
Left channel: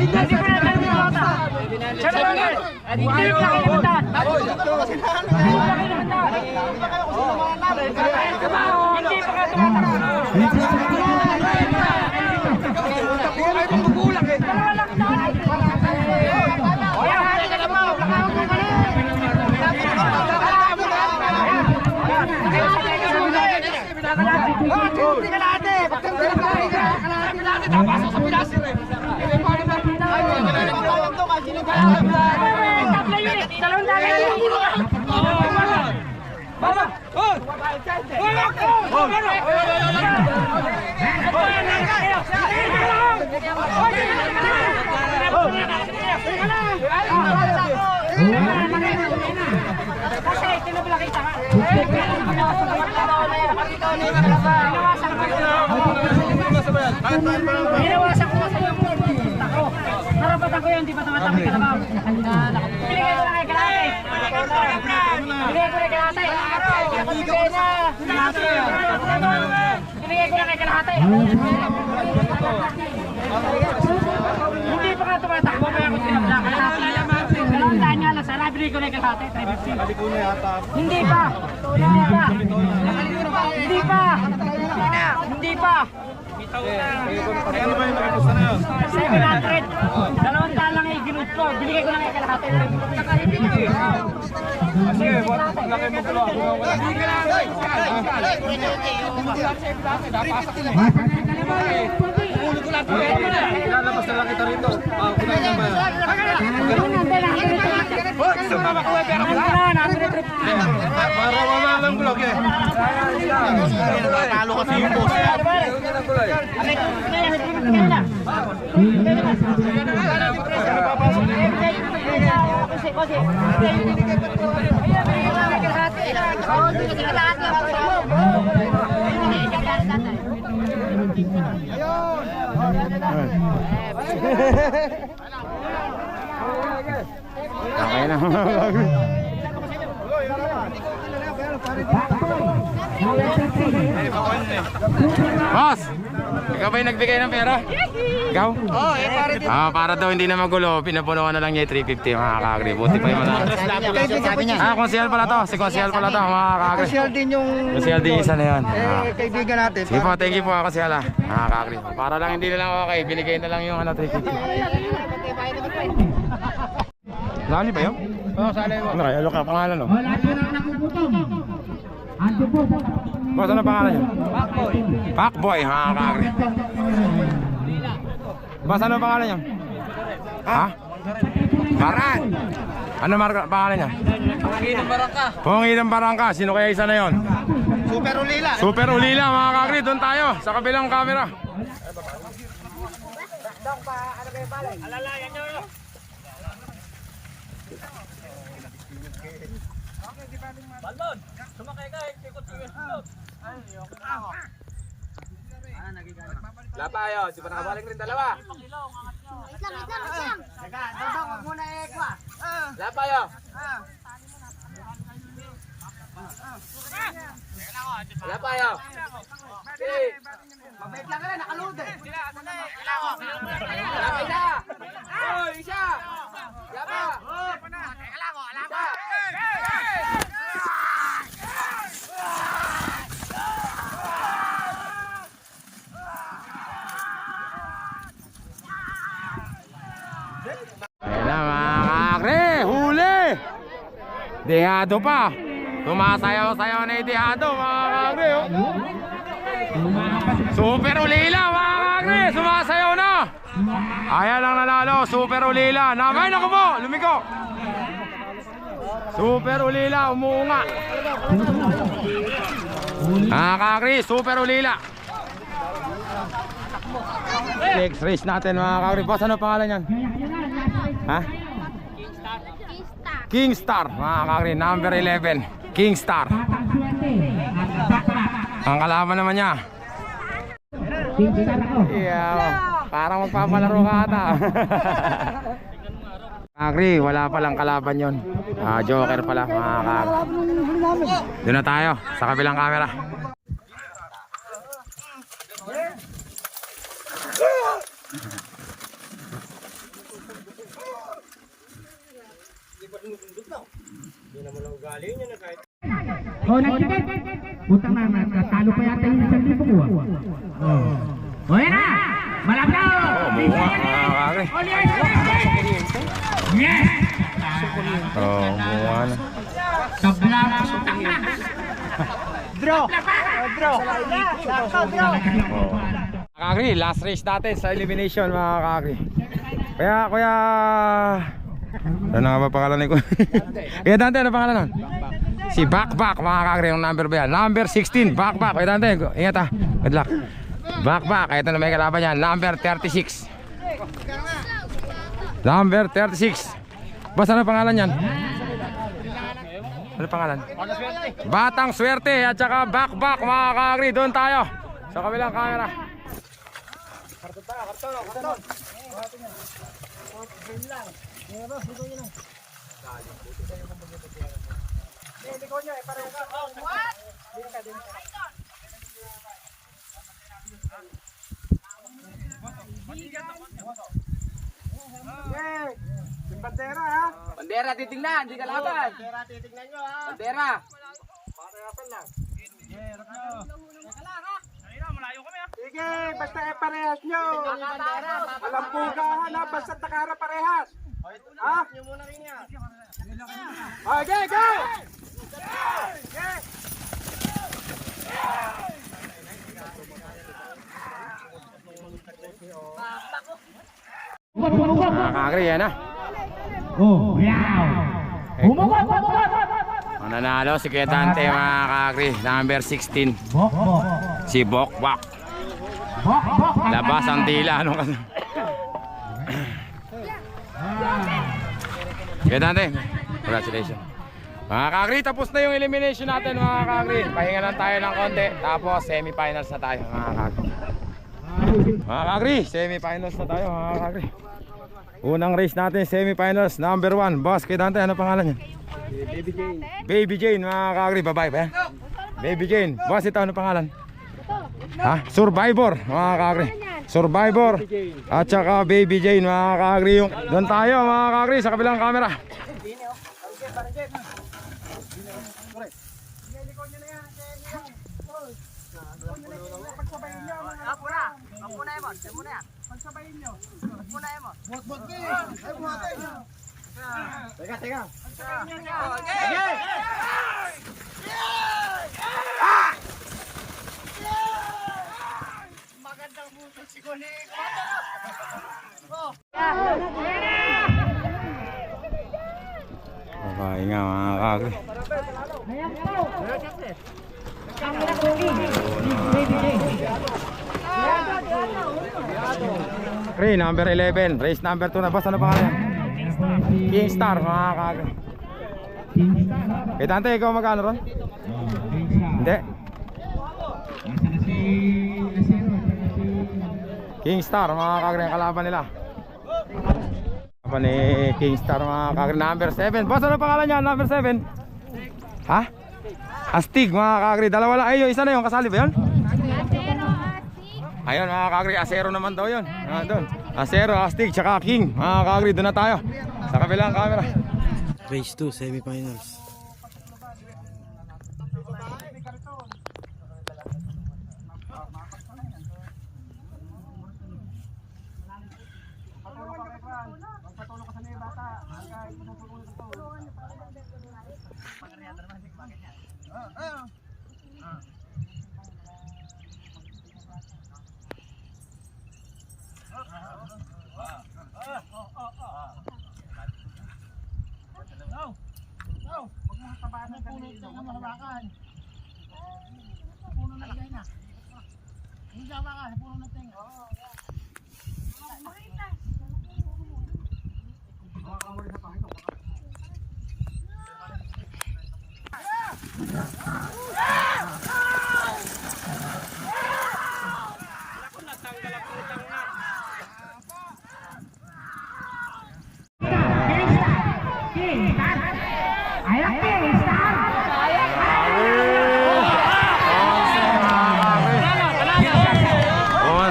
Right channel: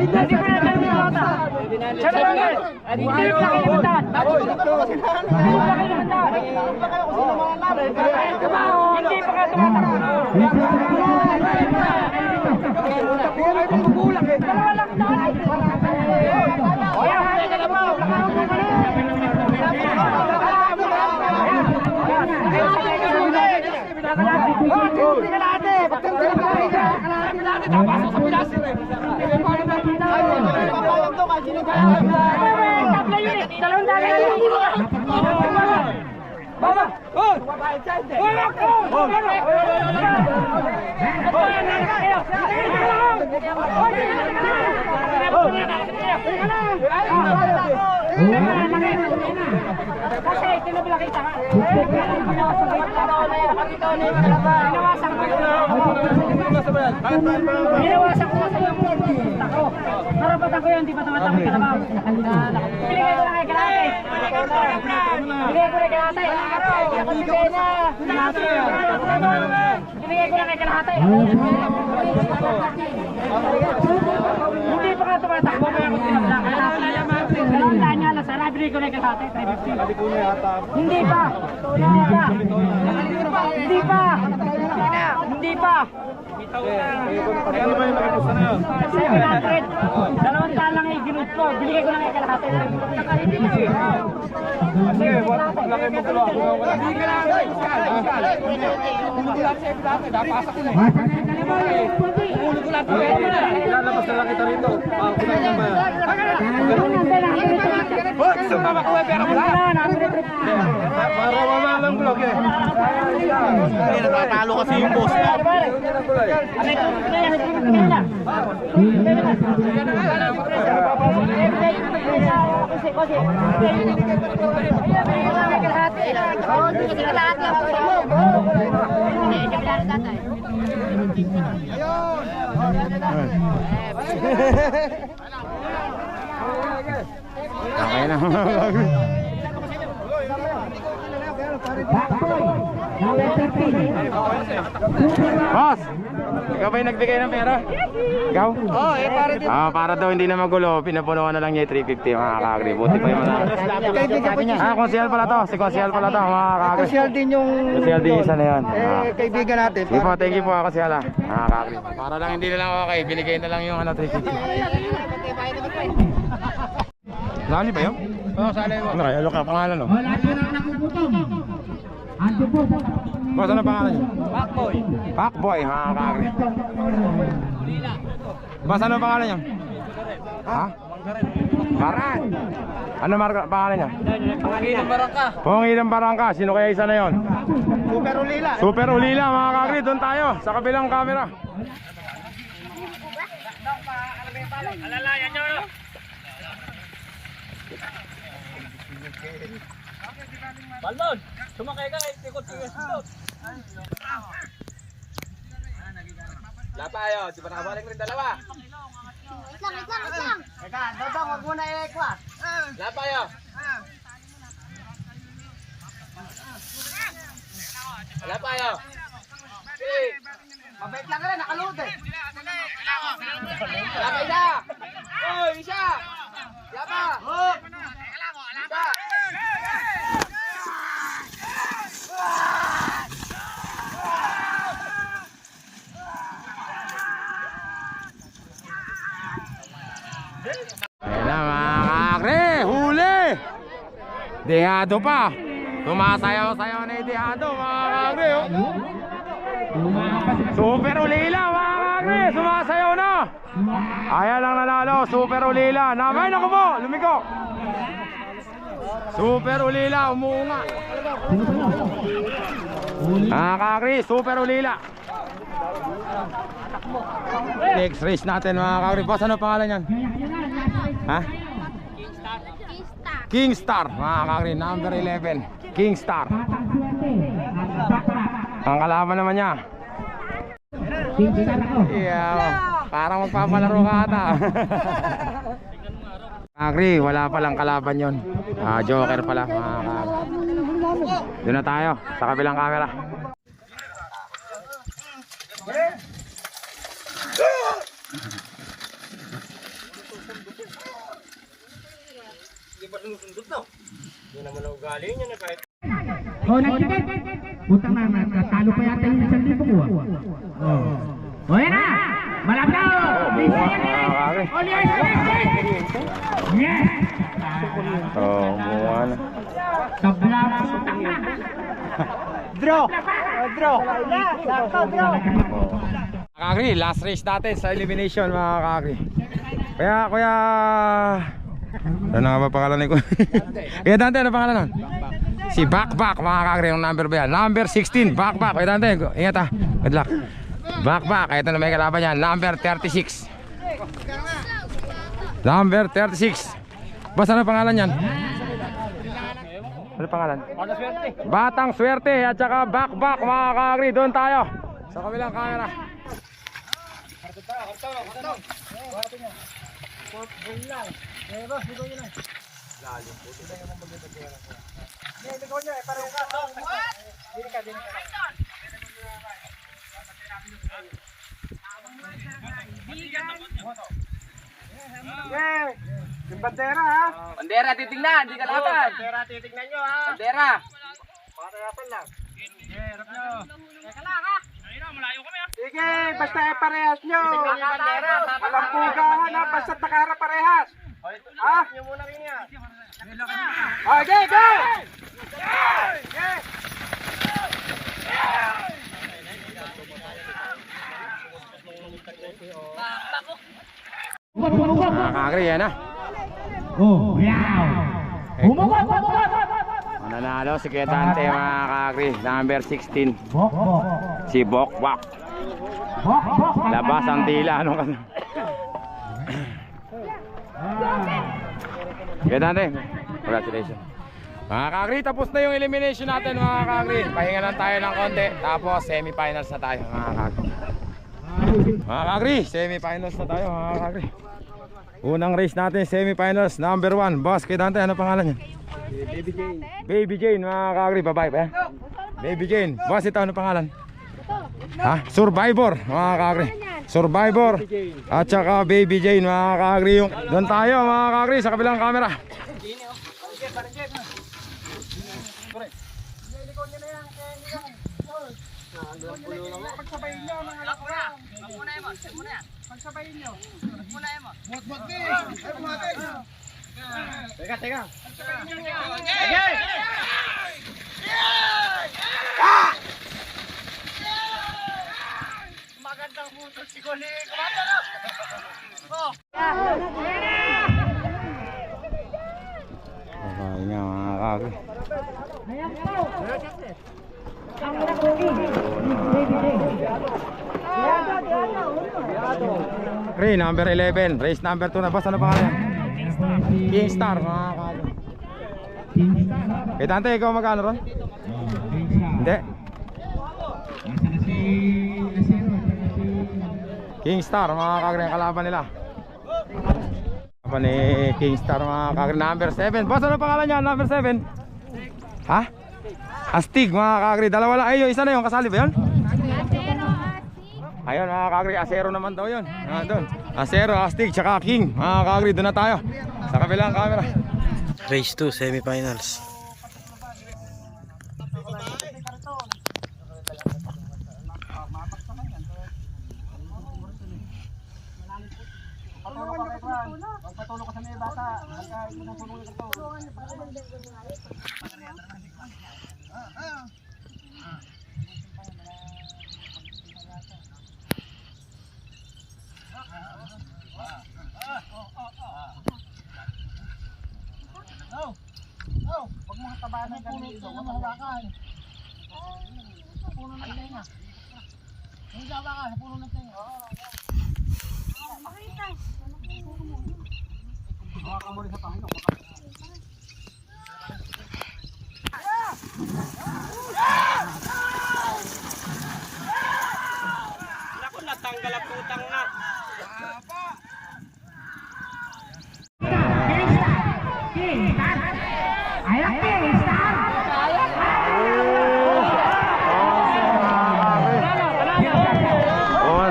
hindi ko na tanong yung bata. Siya naman nga. Hindi ko na kalimutan. Hindi pa ka tumatakbo. Dalawang Kasi tinabla kita ka. Hinawasan ko sa iyo. Tako. Karapatan ko yun, di ba tumatakot ka na ba? Binigay ko lang kay kalate. Binigay ko lang kay kalate. Binigay ko lang kay kalate. Hindi pa ka tumatakbo, kaya ako tinabla. Tandaan niya lang, sana binigay ko lang kay kalate. 350. Hindi pa. Hindi pa. Hindi pa. Ano ba yung nagpusta na yun? 700. 200 lang yung ginut ko. Binigay ko lang kay kalahati. Sige, laki mo tulo. Lalabas na lang kita rito. Kulang na ba yan? Sumama ko pera mo lang. Para wala lang vlog eh. Natatalo kasi yung boss. Okay na. Boss! Ikaw ba yung nagbigay ng pera? Ikaw? Oh, pare din. Para daw hindi na magulo, pinapunuan na lang niya yung 350 mga kakagri. Buti pa yung mga... Kaibigan ko niya. konsyel pala to. Si konsyel pala to mga kakagri. Social din yung Konsyel din isa na yun. kaibigan natin. Sige po, thank you po konsyel mga kakagri. Para lang hindi na lang okay, binigay na lang yung 350. Sali ba yun? Oo, sali mo. Ano kayo? Ano ka pangalan no? Wala po na nakukutom. Ando po. Boss, ano pangalan niyo? Backboy. Pacboy, mga kakagri. Boss, ano pangalan niyo? Ha? Baran. Ano pangalan niya? Panginoon Barangka. Pongilang Barangka. Sino kaya isa na yon? Super Ulila. Super Ulila mga kakagri. Doon tayo sa kabilang camera. Alalayan nyo. Lapayo, di pa nakabalik rin dalawa. Wait lang. Dadang, wag muna i-ekwa. Lapayo. Lapayo. Mabait lang rin, nakaload eh. Lapa isa. Oy, isa. Lapa. Lapa. Ayan na mga kakagri. Huli! Dehado pa. Sumasayaw-sayaw na yung dehado mga kakagri. Oh. Super Ulila mga kakagri. Sumasayaw na. Ayan ang nanalo. Super Ulila. Namay na ko po. Lumiko. Super Ulila. Umuunga. Mga kakagri. Super Ulila. Next race natin mga kakagri. Boss, ano pangalan yan? Ha? Kingstar, mga kakagri, number 11. Kingstar. Ang kalaban naman niya. Yeah, parang magpapalaro ka ata. Kakagri, wala palang kalaban yon. Joker pala, mga kakagri. Doon na tayo, sa kabilang camera. Oh, nagtiket. Putang na, natalo pa yata yung 1,000 ko. Oh, yan na. Malapit. Yes. Oh, buwan. Tabla. Putang na. Draw. Draw. Kakagri, last race natin sa elimination mga kakagri. Kuya ano nga ba pangalan ni Kuya? Kuya Dante, ano pangalan nun? Si Bakbak mga kakri. Yung number ba yan? Number 16 Bakbak. Wait natin. Ingat ha. Good luck. Bakbak. Ito na may kalaban yan. Number 36. Number 36. Boss, ano pangalan yan? Ano pangalan? Batang Swerte at saka Bakbak mga kakri. Doon tayo sa kabilang camera. Yung bandera ha. Bandera titignan, hindi ka laban. Bandera titignan nyo ha. Bandera. Patayapan lang. Hirap nyo. Teka lang ha. Sige, basta parehas nyo. Alam pugahan ha, basta takara parehas. Ha? Nyo muna rin yan. Okay, go! Mga kakri yan ha. Oh, wow. Humabot. Mananalo si Kuya Dante mga kakri. Number 16 Bok. si Bokbak. Labas ang dila. Ano ka? Kuya Dante, congratulations. Mga kakri, tapos na yung elimination natin mga kakri. Pahinga lang tayo ng konti. Tapos semifinals na tayo mga kakri. Mga kakri, semifinals na tayo mga kakri. Unang race natin, semifinals, number 1. Boss, kay Dante, ano pangalan niya? Baby Jane. Baby Jane, mga kakri, babae ba yan? Baby Jane. Boss, ito ano pangalan? Ha? Survivor, mga kakri. Survivor. At saka Baby Jane, mga kakri. Doon tayo, mga kakri, sa kabilang camera. Teka. Babae nga, mga kakri. Ray, number 11. Race number 2 na. Boss, ano pangalan? Kingstar, mga kakri. Kay Dante, ikaw magkano ron? Hindi. Kingstar, mga kakri, ang kalaban nila. Kalaban ni Kingstar, mga kakri. Number 7. Boss, ano pangalan niya? Number 7? Ha? Astig, mga kakri. Dalawa lang. Ay, yung isa na yung kasali ba yun? Ayun, mga kakri. Asero naman daw yun. Doon. Asero, Astig, tsaka King. Mga kakri, doon na tayo sa kabilang camera. Race 2, semifinals. Magpatulong ka sa mga bata. Huwag mga tabahan ng puno ito na mahawakan. Sa puno ng tenga. Yung hawakan, sa puno ng tenga. Hawakan mo rin sa pangino. Ako natanggal ang putang na.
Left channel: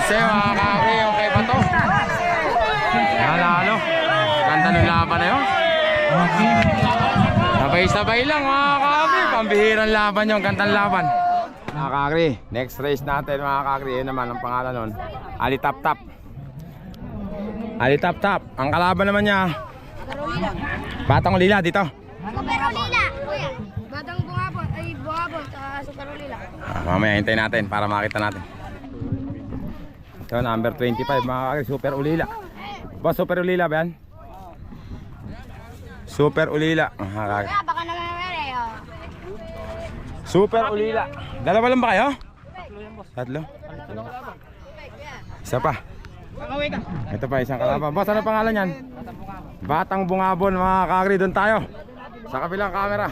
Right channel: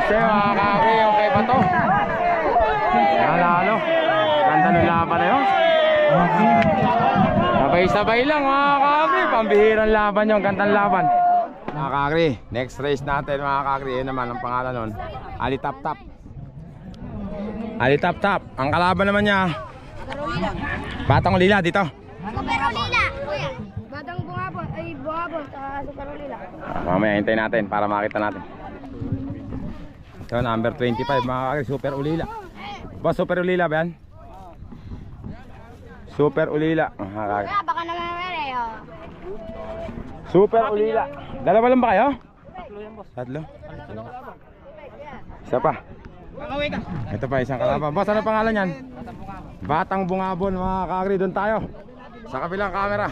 Mga kakri, okay ba to? Nanalo. Ganda ng laban na yun. Sabay-sabay lang mga kakri. Pambihirang laban yun. Gandang laban. Mga kakri, next race natin mga kakri. Yun naman ang pangalan nun. Ali Tap Tap. Ali Tap Tap. Ang kalaban naman niya Batang Ulila dito. Super Ulila, kuya. Batang Bungabon, ay Bungabon sa Super Ulila. Mamaya hintayin natin para makita natin. So number 25 mga kakri, Super Ulila. Boss, Super Ulila ba yan? Super Ulila. Mga kakri. Kuya, baka naman meron eh. Super Ulila. Dalawa lang ba kayo? Tatlo. Isa pa. Ito pa isang kalaban. Boss, ano pangalan yan? Batang Bungabon mga kakri. Doon tayo sa kabilang camera.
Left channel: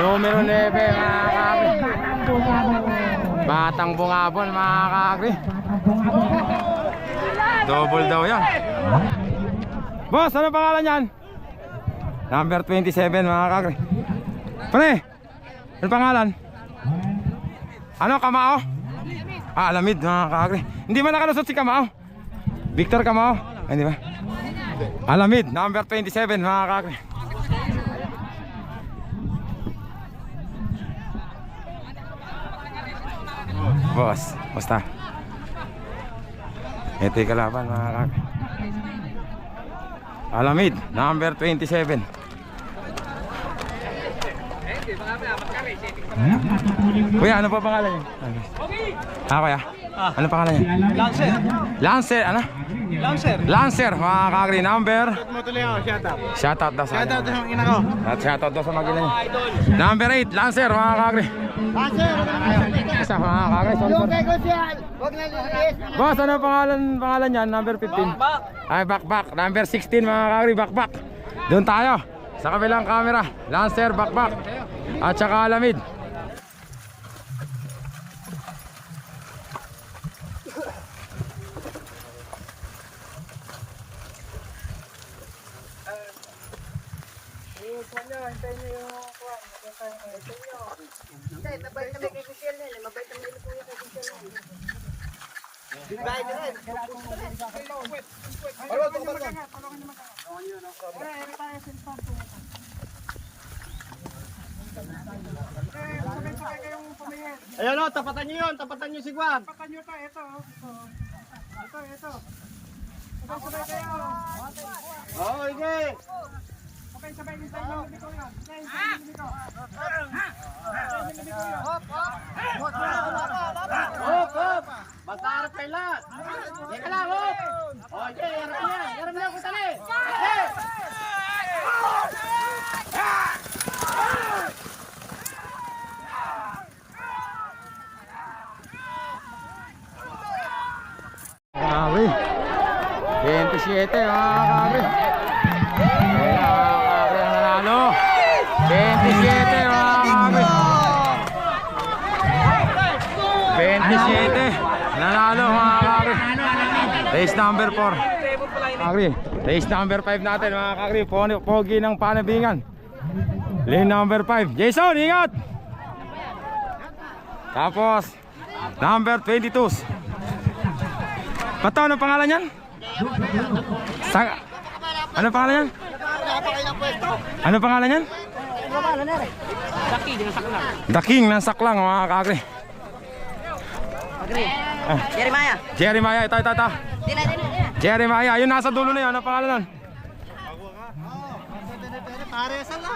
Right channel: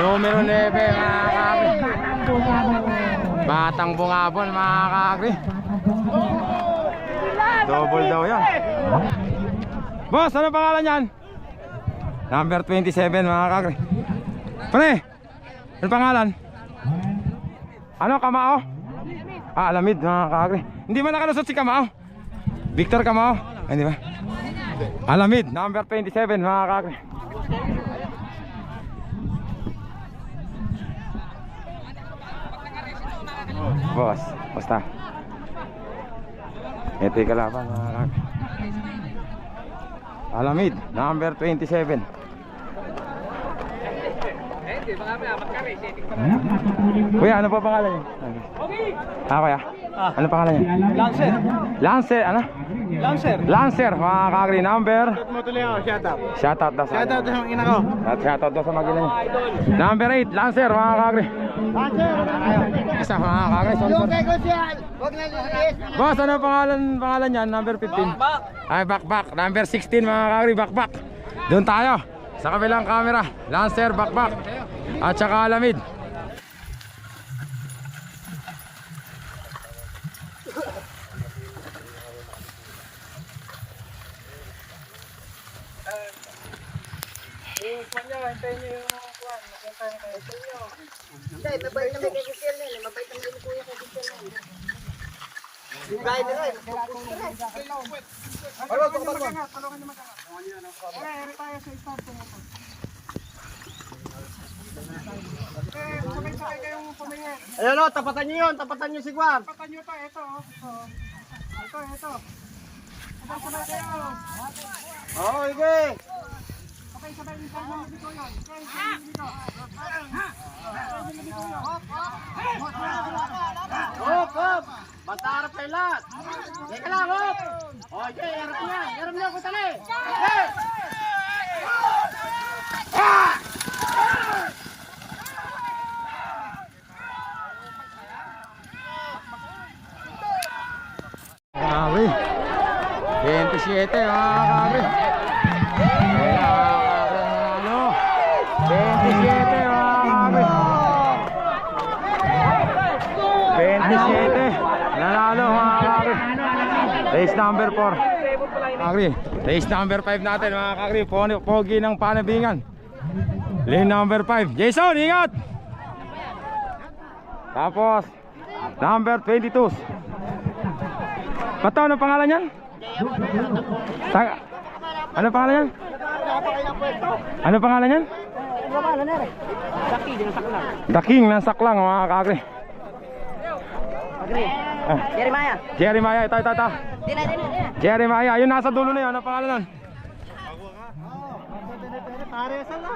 Numero 9 mga kakri. Batang Bungabon mga kakri. Double daw yan. Boss, ano pangalan yan? Number 27 mga kakri. Pre, ano pangalan? Ano, Kamao? Ah, Alamid mga kakri. Hindi ba nakalusot si Kamao? Victor Kamao? Ay, hindi ba? Alamid, number 27 mga kakri. Boss, basta. Ito yung kalaban mga kak. Alamid, number 27. Kuya, ano pa pangalan niya? Kuya, ano pangalan niya? Lancer. Lancer, ano? Lancer. Lancer, mga kakri, number. Shoutout daw sa ina ko. At shoutout daw sa magina niya. Number 8, Lancer, mga kakri. Isa mga kakri, sorry. Boss, ano pangalan niyan? Number 15. Ay, Bakbak. Number 16 mga kakri, Bakbak. Doon tayo sa kabilang camera. Lancer, Bakbak. At saka Alamid. Ayun o, tapatan nyo yun, tapatan nyo si Guam. Ito. Sabay kayo. Oo, sige. Okay, sabay din tayo ng libiko yun. Okay, sabay ng libiko. Hop. Hop, hop. Basta harap kayo lahat. Teka lang, hop. Okay, harap niyan. Harap niyan ko tali. Hey! Kakri 27 mga kakri. Kaya kakri ang nanalo 27 mga kakri. 27 nanalo mga kakri. Race number 4 kakri. Race number 5 natin mga kakri. Pogi ng Panabingan. Lane number 5 Jason, ingat. Tapos number 22 Pato, ano pangalan yan? Ano pangalan yan? Ano pangalan yan? The King ng Saklang mga kakri. Jeremiah. Jeremiah, ito. Dila. Jeremiah, yun nasa dulo na yun. Ano pangalan nun? Aresan na.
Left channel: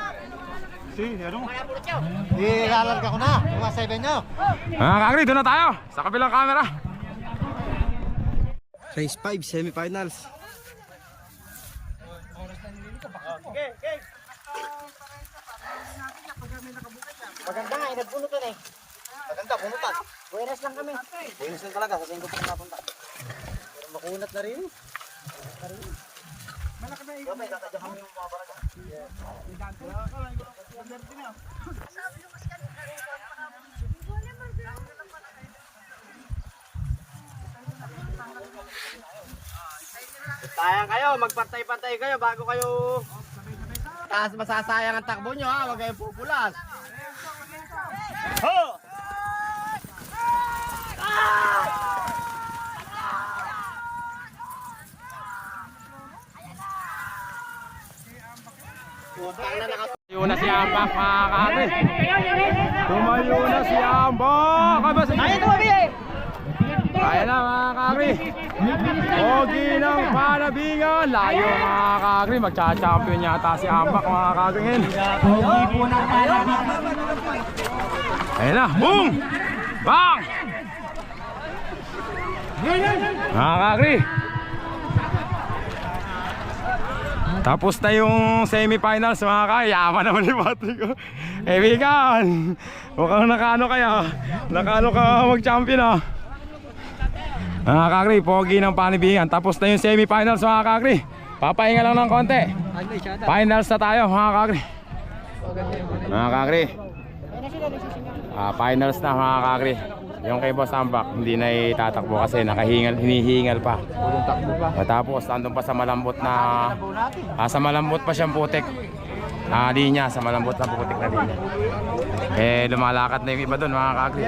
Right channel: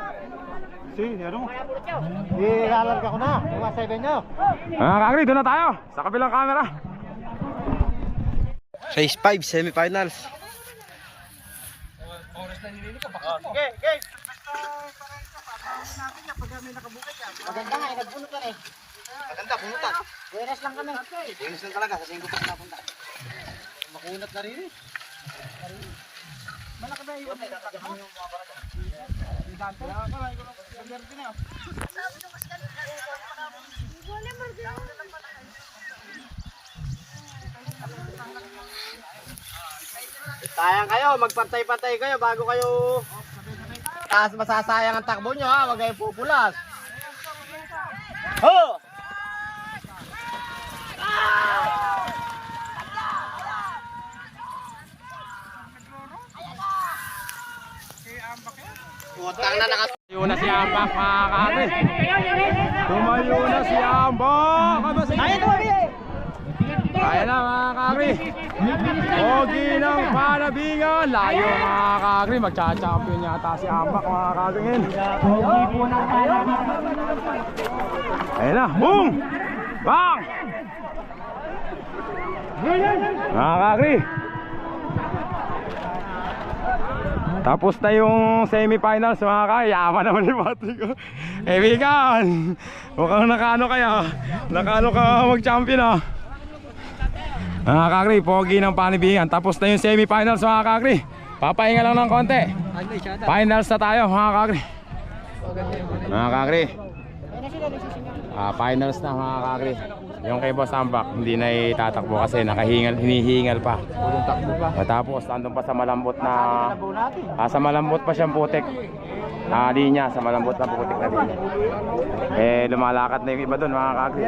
Ilalarga ko na. Mga 7 nyo. Mga kakri, doon na tayo sa kabilang camera. Race 5, semifinals. Maganda nga, nagbunutan eh. Maganda, bunutan. Buenas lang kami. Buenas lang talaga, sa 5 pa napunta. Makunat na rin eh. Sayang kayo, magpantay-pantay kayo bago kayo taas masasayang ang takbo nyo ha, wag kayo pupulas. Ho! Utang na nakas... Tumayo na si Ambak, mga kakri. Tumayo na si Ambak. Ay, tumabi eh! Ayan na mga kakri. Pogi ng Panabingan. Layo mga kakri. Magcha-champion yata si Ambak, mga kakri ngayon. Ayan na. Boom! Bang! Mga kakri. Tapos na yung semifinals mga kakri. Yaman naman ni Pati ko. Bigan! Mukhang nakaano kaya. Nakaano ka mag-champion ah. Mga kakri, pogi ng Panibingan. Tapos na yung semifinals mga kakri. Papahinga lang ng konti. Finals na tayo mga kakri. Mga kakri, finals na mga kakri. Yung kay Boss Ambak hindi na itatakbo kasi hinihingal pa. Tapos andun pa sa malambot na sa malambot pa siyang putik. Linya, sa malambot na putik na linya. Lumalakad na yung iba doon mga kakri.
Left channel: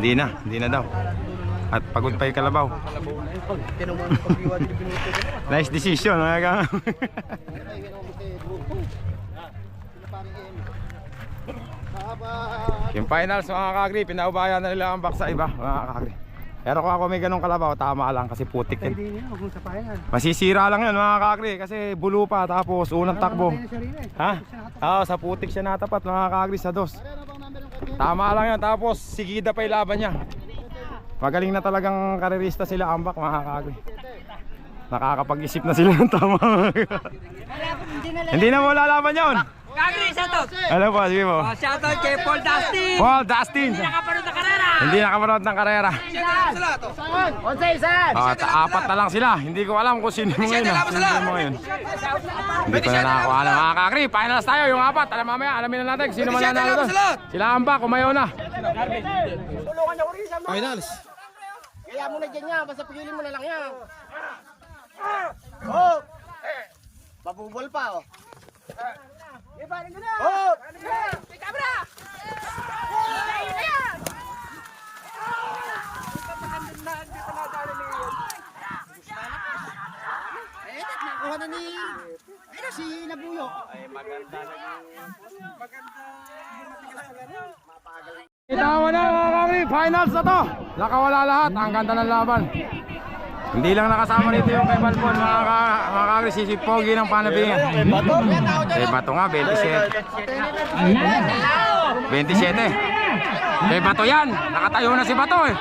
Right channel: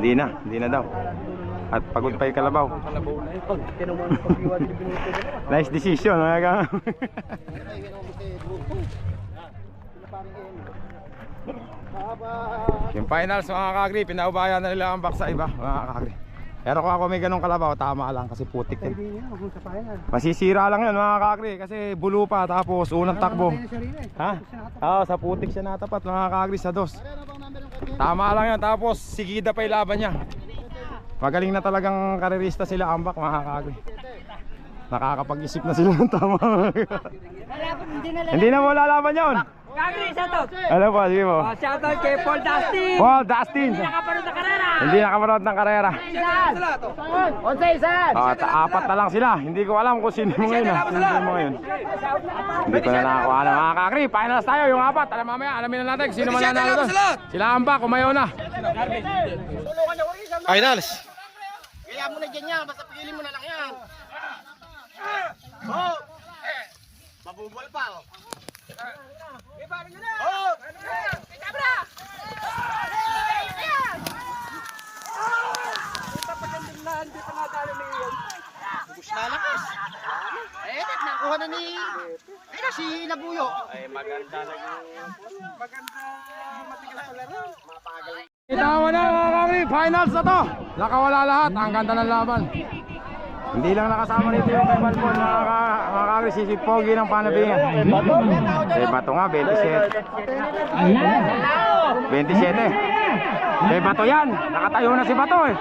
Hindi na daw. At pagod pa yung kalabaw. Nice decision mga kakri. Yung finals mga kakri, pinaubayan na nila ang back sa iba mga kakri. Pero kung ako may ganong kalabaw, tama lang kasi putik yun. Masisira lang yun mga kakri kasi bulo pa tapos unang takbo. Ha? Oo, sa putik siya natapat mga kakri sa dos. Tama lang yan, tapos sigida pa yung laban niya. Magaling na talagang karerista sila Ambak mga kakri. Nakakapag-isip na sila ng tama. Hindi na mo lalaban yun. Kakri, shoutout! Ano po, sige po. Shoutout kay Paul Dustin! Paul Dustin! Hindi nakapanood ng karera! Hindi nakapanood ng karera. Apat na lang sila. Hindi ko alam kung sino mo ngayon. Sino mo ngayon. Hindi ko na nakakuha alam. Mga kakri, finals tayo yung apat. Alam mamaya, alamin na natin sino man nanalo doon. Sila Ambak, kumayo na. Finals. Kaya mo na dyan yan, basta pagilin mo na lang yan. Mabubol pa oh. Lalakas. Nakuha na ni si Labuyo. Kita mo na mga kakri, finals na to. Nakawala lahat, ang ganda ng laban. Hindi lang nakasama nito yung kay Balbon mga kakri, si Pogi ng Panabingan. Kay Bato nga, 27. 27. Kay Bato yan, nakatayo na si Bato eh.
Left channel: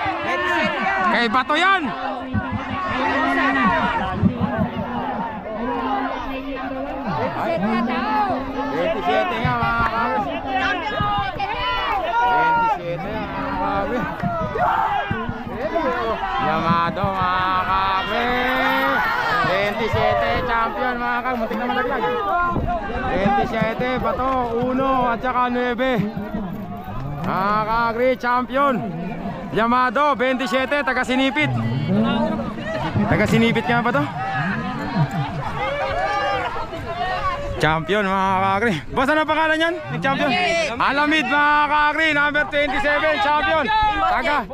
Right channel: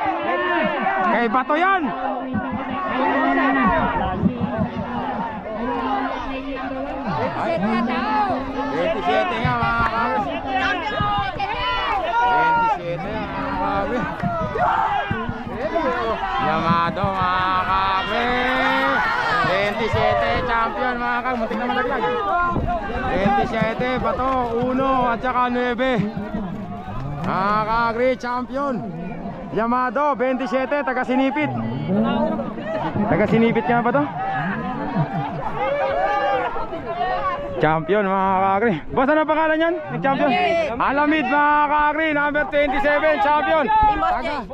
Kay Bato yan. Ay, 27 nga mga kakri. 27 mga kakri. Yamado mga kakri. 27 champion mga kakri. Muntik na malaglag. 27 Bato 1 at saka 9. Mga kakri champion. Yamado 27 taga Sinipit. Taga Sinipit nga ba to? Champion mga kakri. Boss, ano pangalan yan? Champion? Alamid mga kakri, number 27, champion. Taga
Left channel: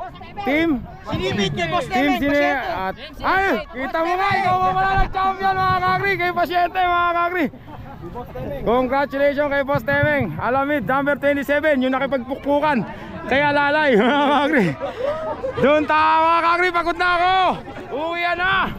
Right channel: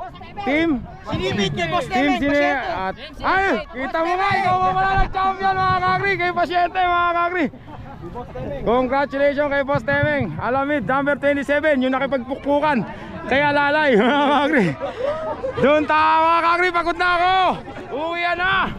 Team Sinipit kay Boss Team Neven, Sine pasyente. at ay, kita mo nga, ikaw mo pala nag-champion mga kakri. Kay pasyente mga kakri. Congratulations kay Boss Temeng. Alamid, number 27, yung nakipagpukpukan. Kaya lalay mga kakri. Doon tayo mga kakri, pagod na ako. Uwi na.